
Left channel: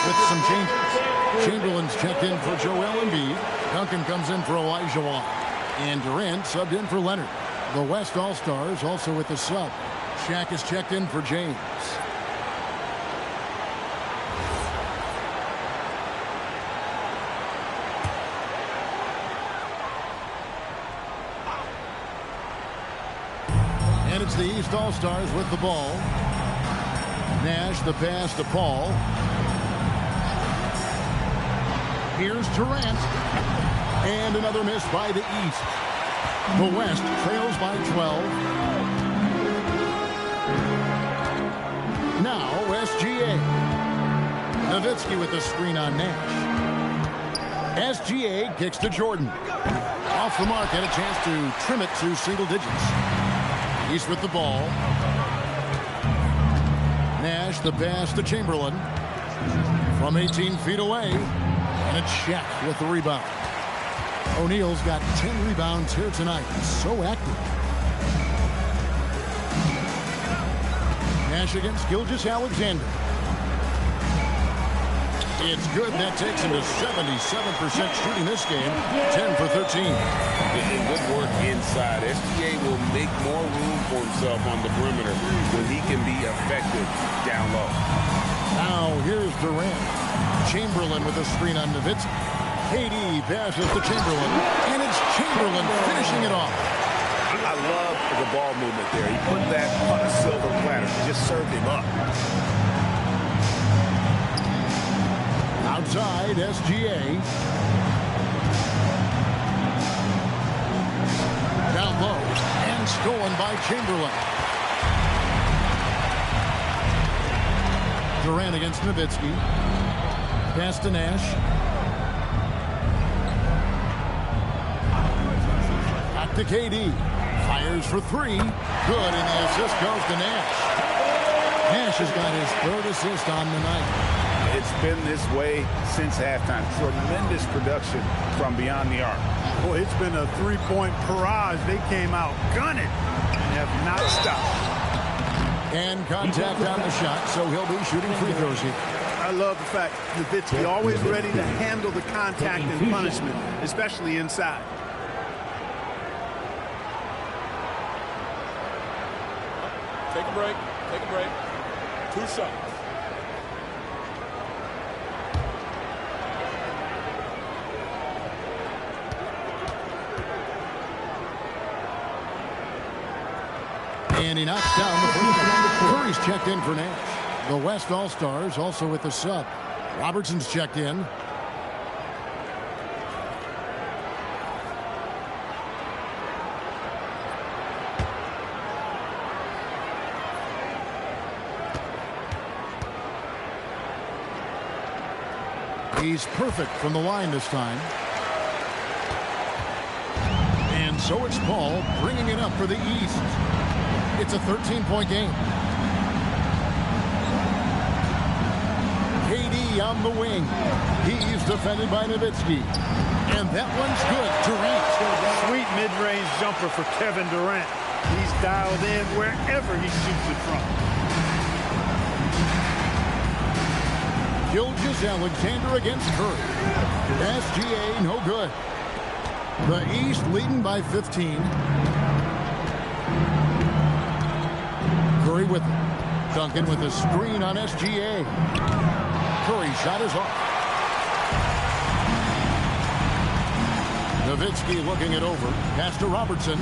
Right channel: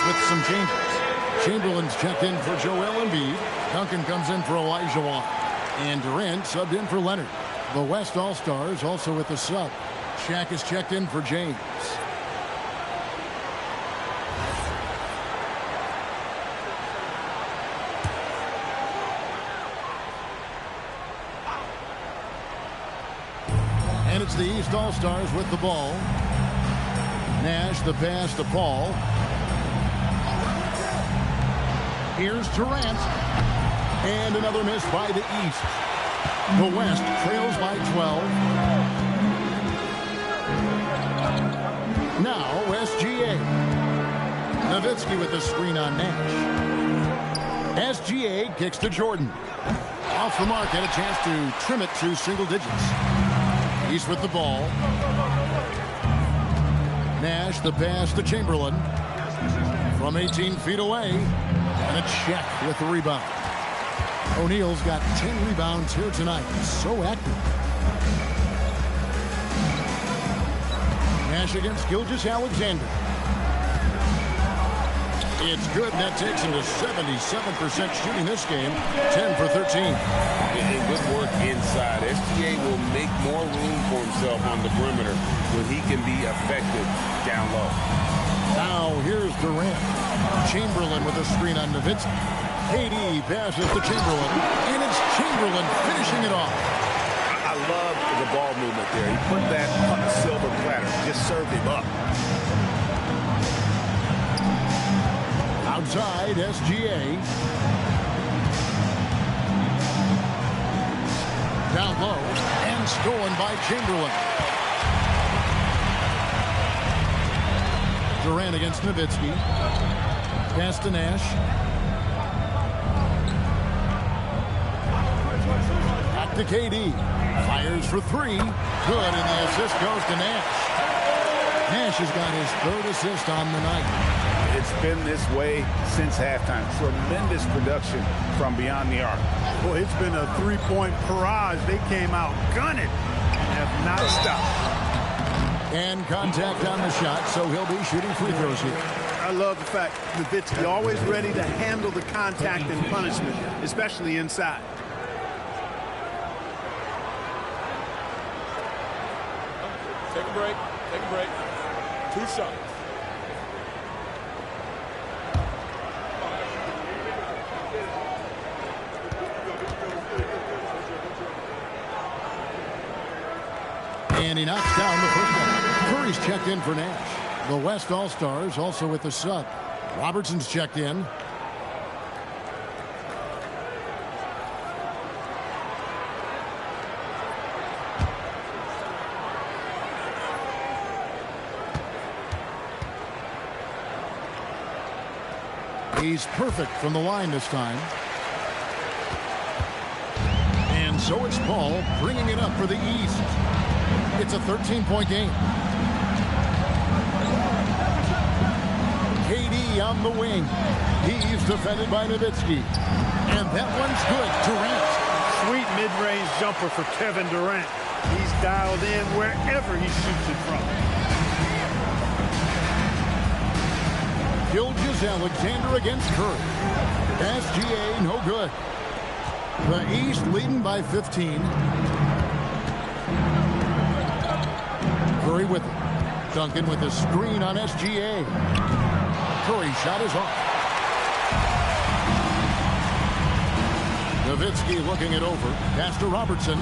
With some changes. Chamberlain's checked in for Joel Embiid. Duncan comes in for Olajuwon. And Durant subbed in for Leonard. The West All-Stars also with the sub. Shaq is checked in for James. And it's the East All-Stars with the ball. Nash the pass to Paul. Here's Durant. And another miss by the East. The West trails by 12. Now SGA. Nowitzki with the screen on Nash. SGA kicks to Jordan. Off the mark and a chance to trim it to single digits. East with the ball. Nash the pass to Chamberlain. From 18 feet away. And a check with the rebound. O'Neal's got 10 rebounds here tonight. So active. Nash against Gilgeous-Alexander. It's good. That takes him to 77% shooting this game. 10 for 13. And good work inside. SGA will make more room for himself on the perimeter when he can be effective down low. Now here's Durant. Chamberlain with a screen on Nowitzki. KD passes to Chamberlain. And it's Chamberlain finishing it off. I love the ball movement there. He put that on a silver platter. Just served him up. Outside, SGA. Down low, and stolen by Chamberlain. Durant against Nowitzki. Pass to Nash. Back to KD. Fires for three. Good, and the assist goes to Nash. Nash has got his third assist on the night. It's been this way since halftime. Tremendous production from beyond the arc. Boy, it's been a three-point barrage. They came out gunning and have not stopped. And contact on the shot, so he'll be shooting free throws here. I love the fact Nowitzki always ready to handle the contact and punishment, especially inside. Take a break. Take a break. 2 shots. And he knocks down the free throw. Curry's checked in for Nash. The West All-Stars also with the sub. Robertson's checked in. He's perfect from the line this time. And so it's Paul bringing it up for the East. It's a 13-point game. KD on the wing. He's defended by Nowitzki. And that one's good. Durant. Sweet mid-range jumper for Kevin Durant. He's dialed in wherever he shoots it from. Gilgeous-Alexander against Curry. SGA no good. The East leading by 15. Curry with it. Duncan with a screen on SGA. Curry shot is off. Nowitzki looking it over. Pass to Robertson.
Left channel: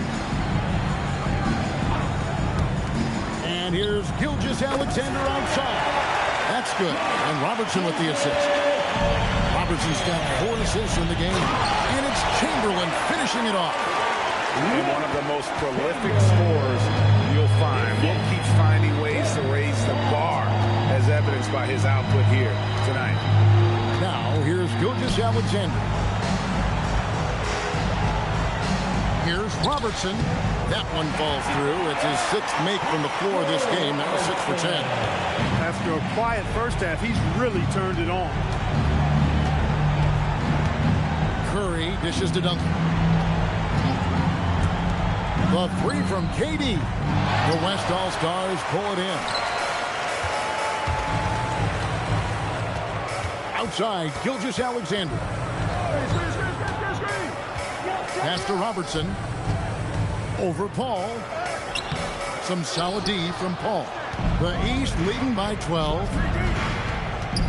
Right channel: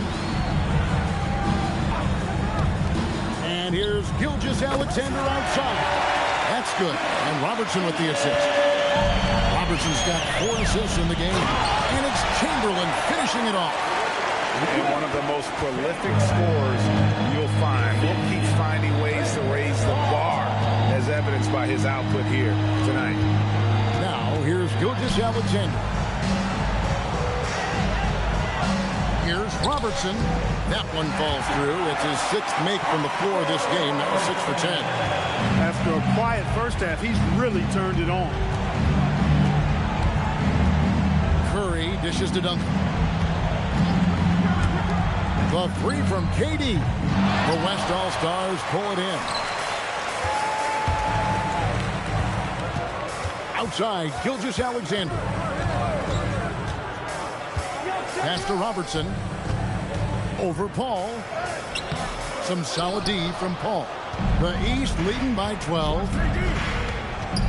And here's Gilgeous-Alexander outside. That's good. And Robertson with the assist. Robertson's got 4 assists in the game. And it's Chamberlain finishing it off. And one of the most prolific scorers you'll find. Will keep finding ways to raise the bar, as evidenced by his output here tonight. Now, here's Gilgeous-Alexander. Here's Robertson. That one falls through. It's his 6th make from the floor this game. Now 6 for 10. After a quiet first half, he's really turned it on. Curry dishes to Duncan. The 3 from KD. The West All-Stars pull it in. Outside, Gilgeous-Alexander. Pass to Robertson. Over Paul. Some solid D from Paul. The East leading by 12.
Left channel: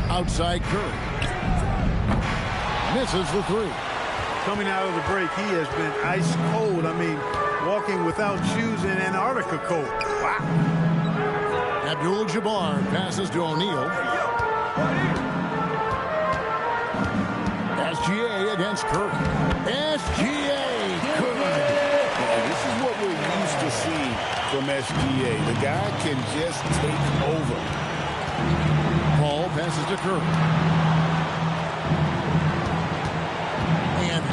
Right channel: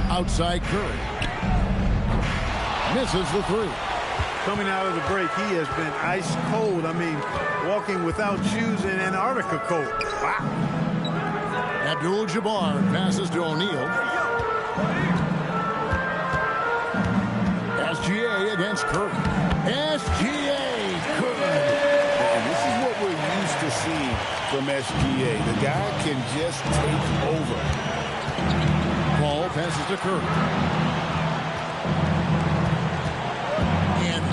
Outside Curry. Misses the 3. Coming out of the break, he has been ice cold. I mean, walking without shoes in Antarctica cold. Wow. Abdul-Jabbar passes to O'Neal. SGA against Curry. SGA, good. And this is what we're used to seeing from SGA. The guy can just take over. Paul passes to Curry.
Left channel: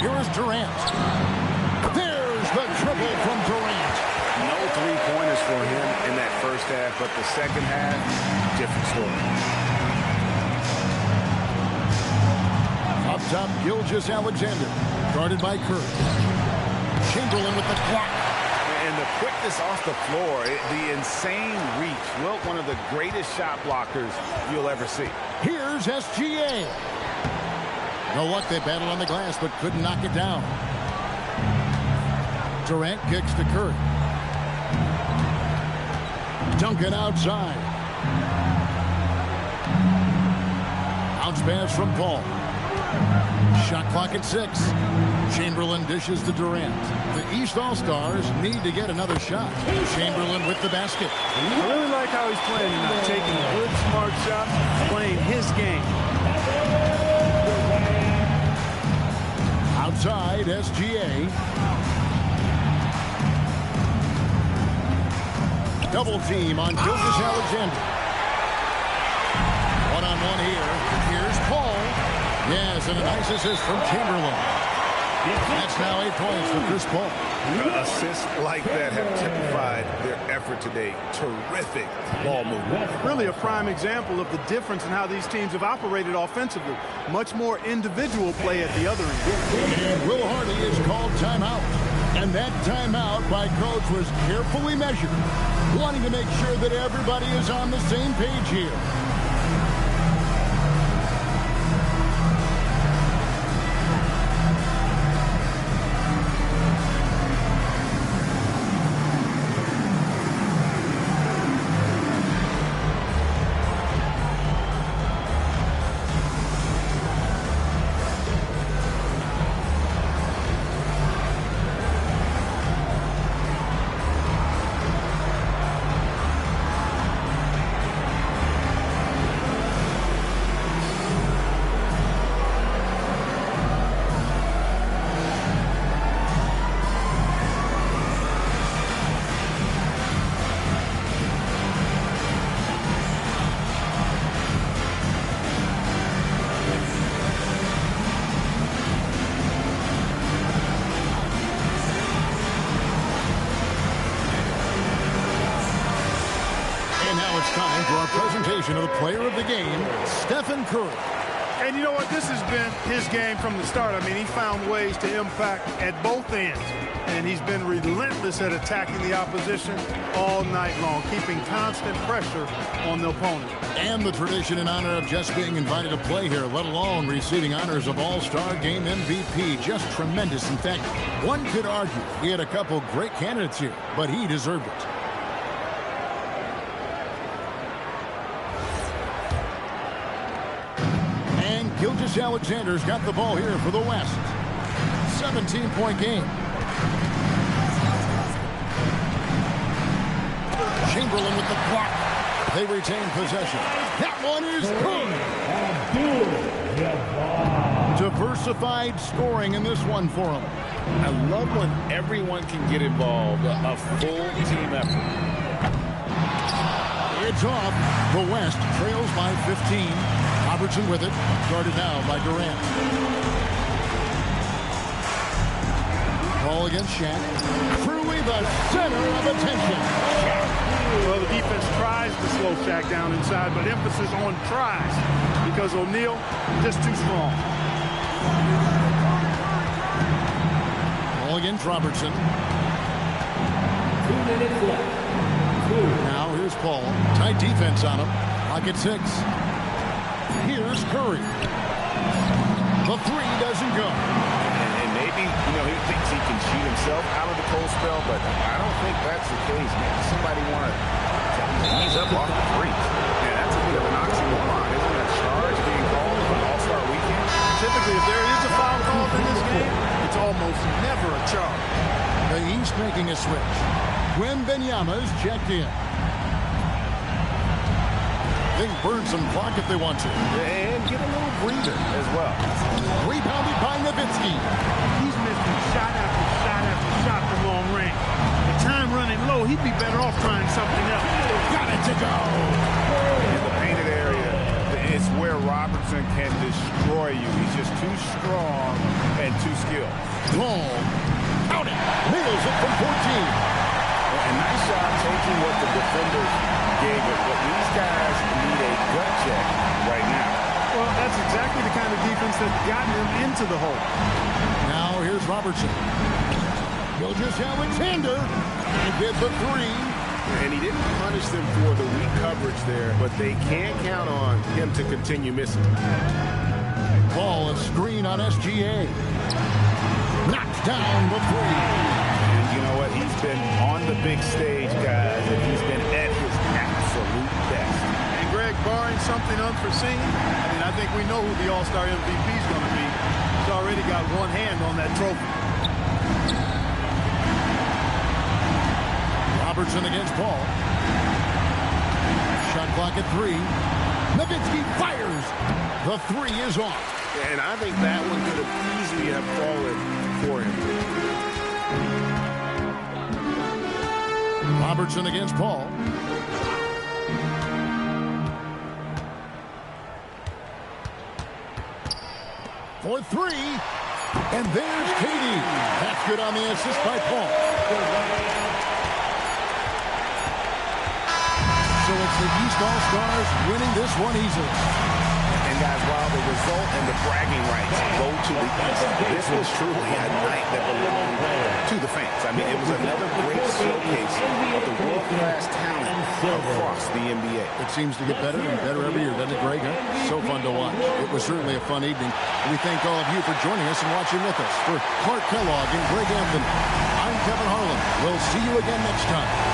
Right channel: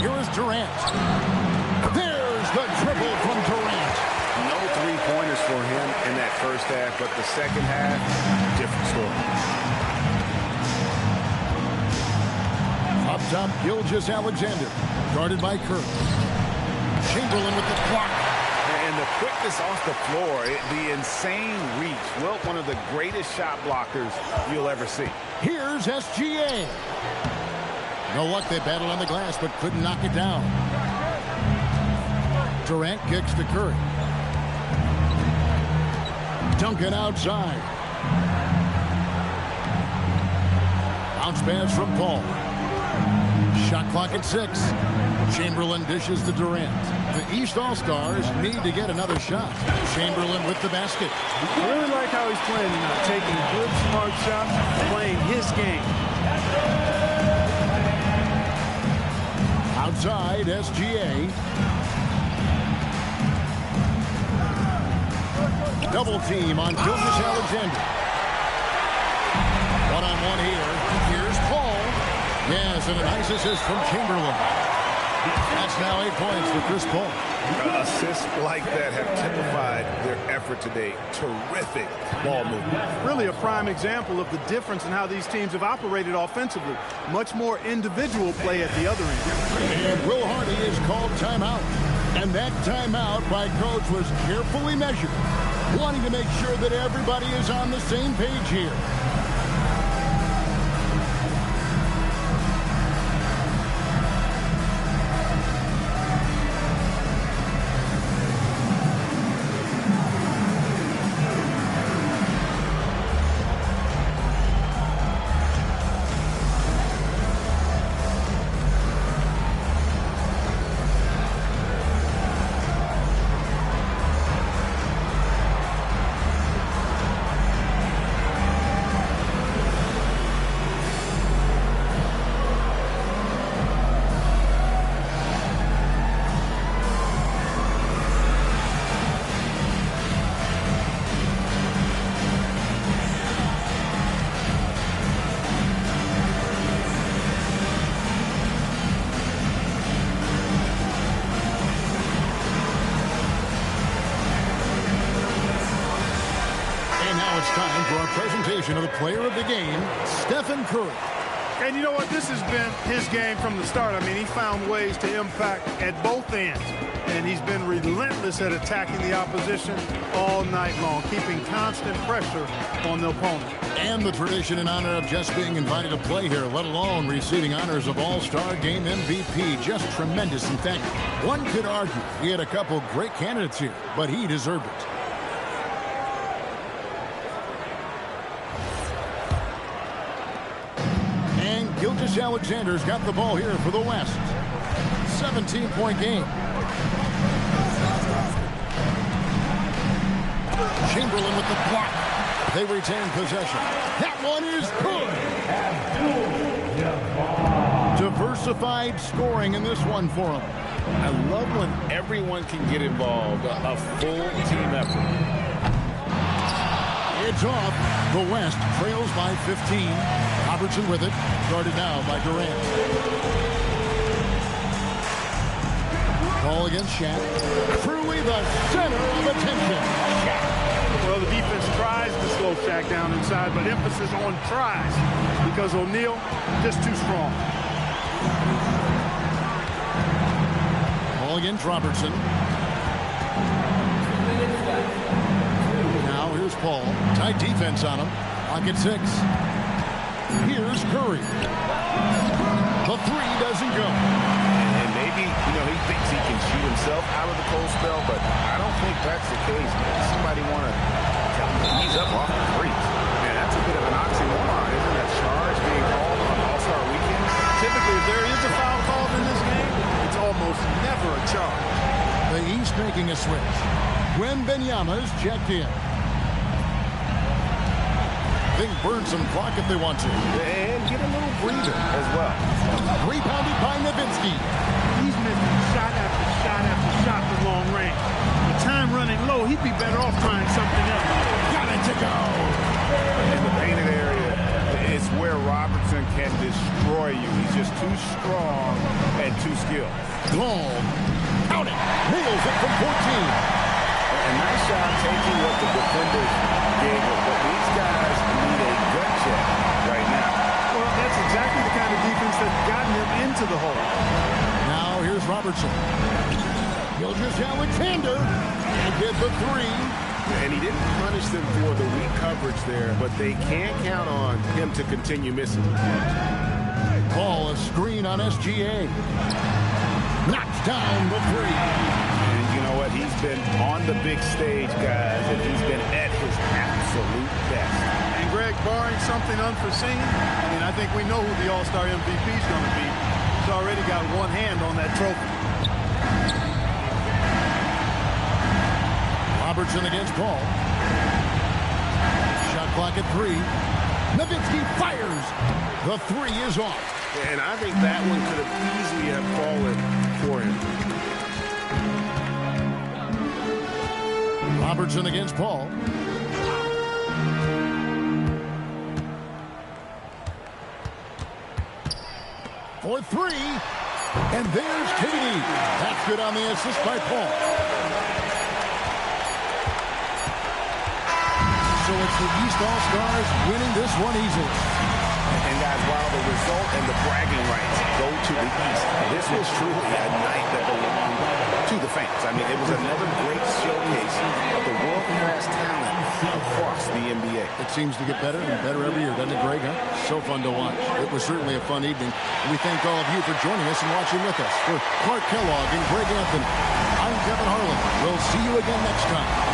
Here is Durant. There's the triple from Durant. No three-pointers for him in that first half, but the second half, different story. Up top, Gilgeous-Alexander, guarded by Curry. Chamberlain with the block. And the quickness off the floor, the insane reach. Well, one of the greatest shot blockers you'll ever see. Here's SGA. No luck, they battled on the glass, but couldn't knock it down. Durant kicks to Curry. Duncan outside. Bounce pass from Paul. Shot clock at 6. Chamberlain dishes to Durant. The East All-Stars need to get another shot. Chamberlain with the basket. I really like how he's playing tonight. Taking good, smart shots, playing his game. Outside, SGA. Double team on Gilgeous-Alexander. One-on-one here. Here's Paul. Yes, and a nice assist from Chamberlain. That's now 8 points for Chris Paul. Assists like that have typified their effort today. Terrific ball movement. Really a prime example of the difference in how these teams have operated offensively. Much more individual play at the other end. And Will Hardy is called timeout. And that timeout by coach was carefully measured, wanting to make sure that everybody is on the same page here. And now it's time for our presentation of the player of the game, Stephen Curry. And you know what? This has been his game from the start. I mean, he found ways to impact at both ends. And he's been relentless at attacking the opposition all night long, keeping constant pressure on the opponent. And the tradition and honor of just being invited to play here, let alone receiving honors of All-Star Game MVP. Just tremendous. In fact, one could argue we had a couple great candidates here, but he deserved it. And Gilgeous-Alexander's got the ball here for the West. 17-point game. Chamberlain with the block. They retain possession. That one is good. Diversified scoring in this one for him. I love when everyone can get involved, a full team effort. It's off. The West trails by 15. Robertson with it. Guarded now by Durant. Ball against Shaq. Truly the center of attention. Shaq. Well, the defense tries to slow Shaq down inside, but emphasis on tries because O'Neal just too strong. Ball against Robertson. Now here's Paul. Tight defense on him. Clock at 6. Here's Curry. The three doesn't go. And maybe, he thinks he can shoot himself out of the cold spell, but I don't think that's the case. Maybe somebody want to tell him to ease up off the threes. Man, that's a bit of an oxymoron, isn't it? A charge being called on All-Star Weekend. Typically, if there is a foul called in this game, it's almost never a charge. The East making a switch. Wembanyama's checked in. They can burn some clock if they want to. And get a little breather as well. Rebounded by Nowitzki. He's missing shot after shot after shot from long range. The time running low, he'd be better off trying something else. Got it to go. In the painted area, the It's where Robertson can destroy you. He's just too strong and too skilled. Long. Count it. Nails it from 14. A nice job taking what the defenders gave him. But these guys need a gut check right now. Well, that's exactly the kind of defense that's gotten them into the hole. Now here's Robertson. Gilgeous-Alexander will get the three. And he didn't punish them for the weak coverage there, but they can't count on him to continue missing. Ball a screen on SGA. Knocks down the three. And you know what? He's been on the big stage, guys, and he's been at his absolute best. And Greg, barring something unforeseen, I think we know who the All-Star MVP is going to be. He's already got one hand on that trophy. Robertson against Paul. Shot clock at 3. Nowitzki fires. The three is off. And I think that one could have easily have fallen for him. Robertson against Paul. For 3. And there's Katie. That's good on the assist by Paul. So it's the East All-Stars winning this one easily. And guys, while the result and the bragging rights go to the East, this was truly a night that belonged to the fans. It was another great showcase of the world-class talent across the NBA. It seems to get better and better every year, doesn't it, Greg? So fun to watch. It was certainly a fun evening. And we thank all of you for joining us and watching with us. For Clark Kellogg and Greg Anthony, I'm Kevin Harlan. We'll see you again next time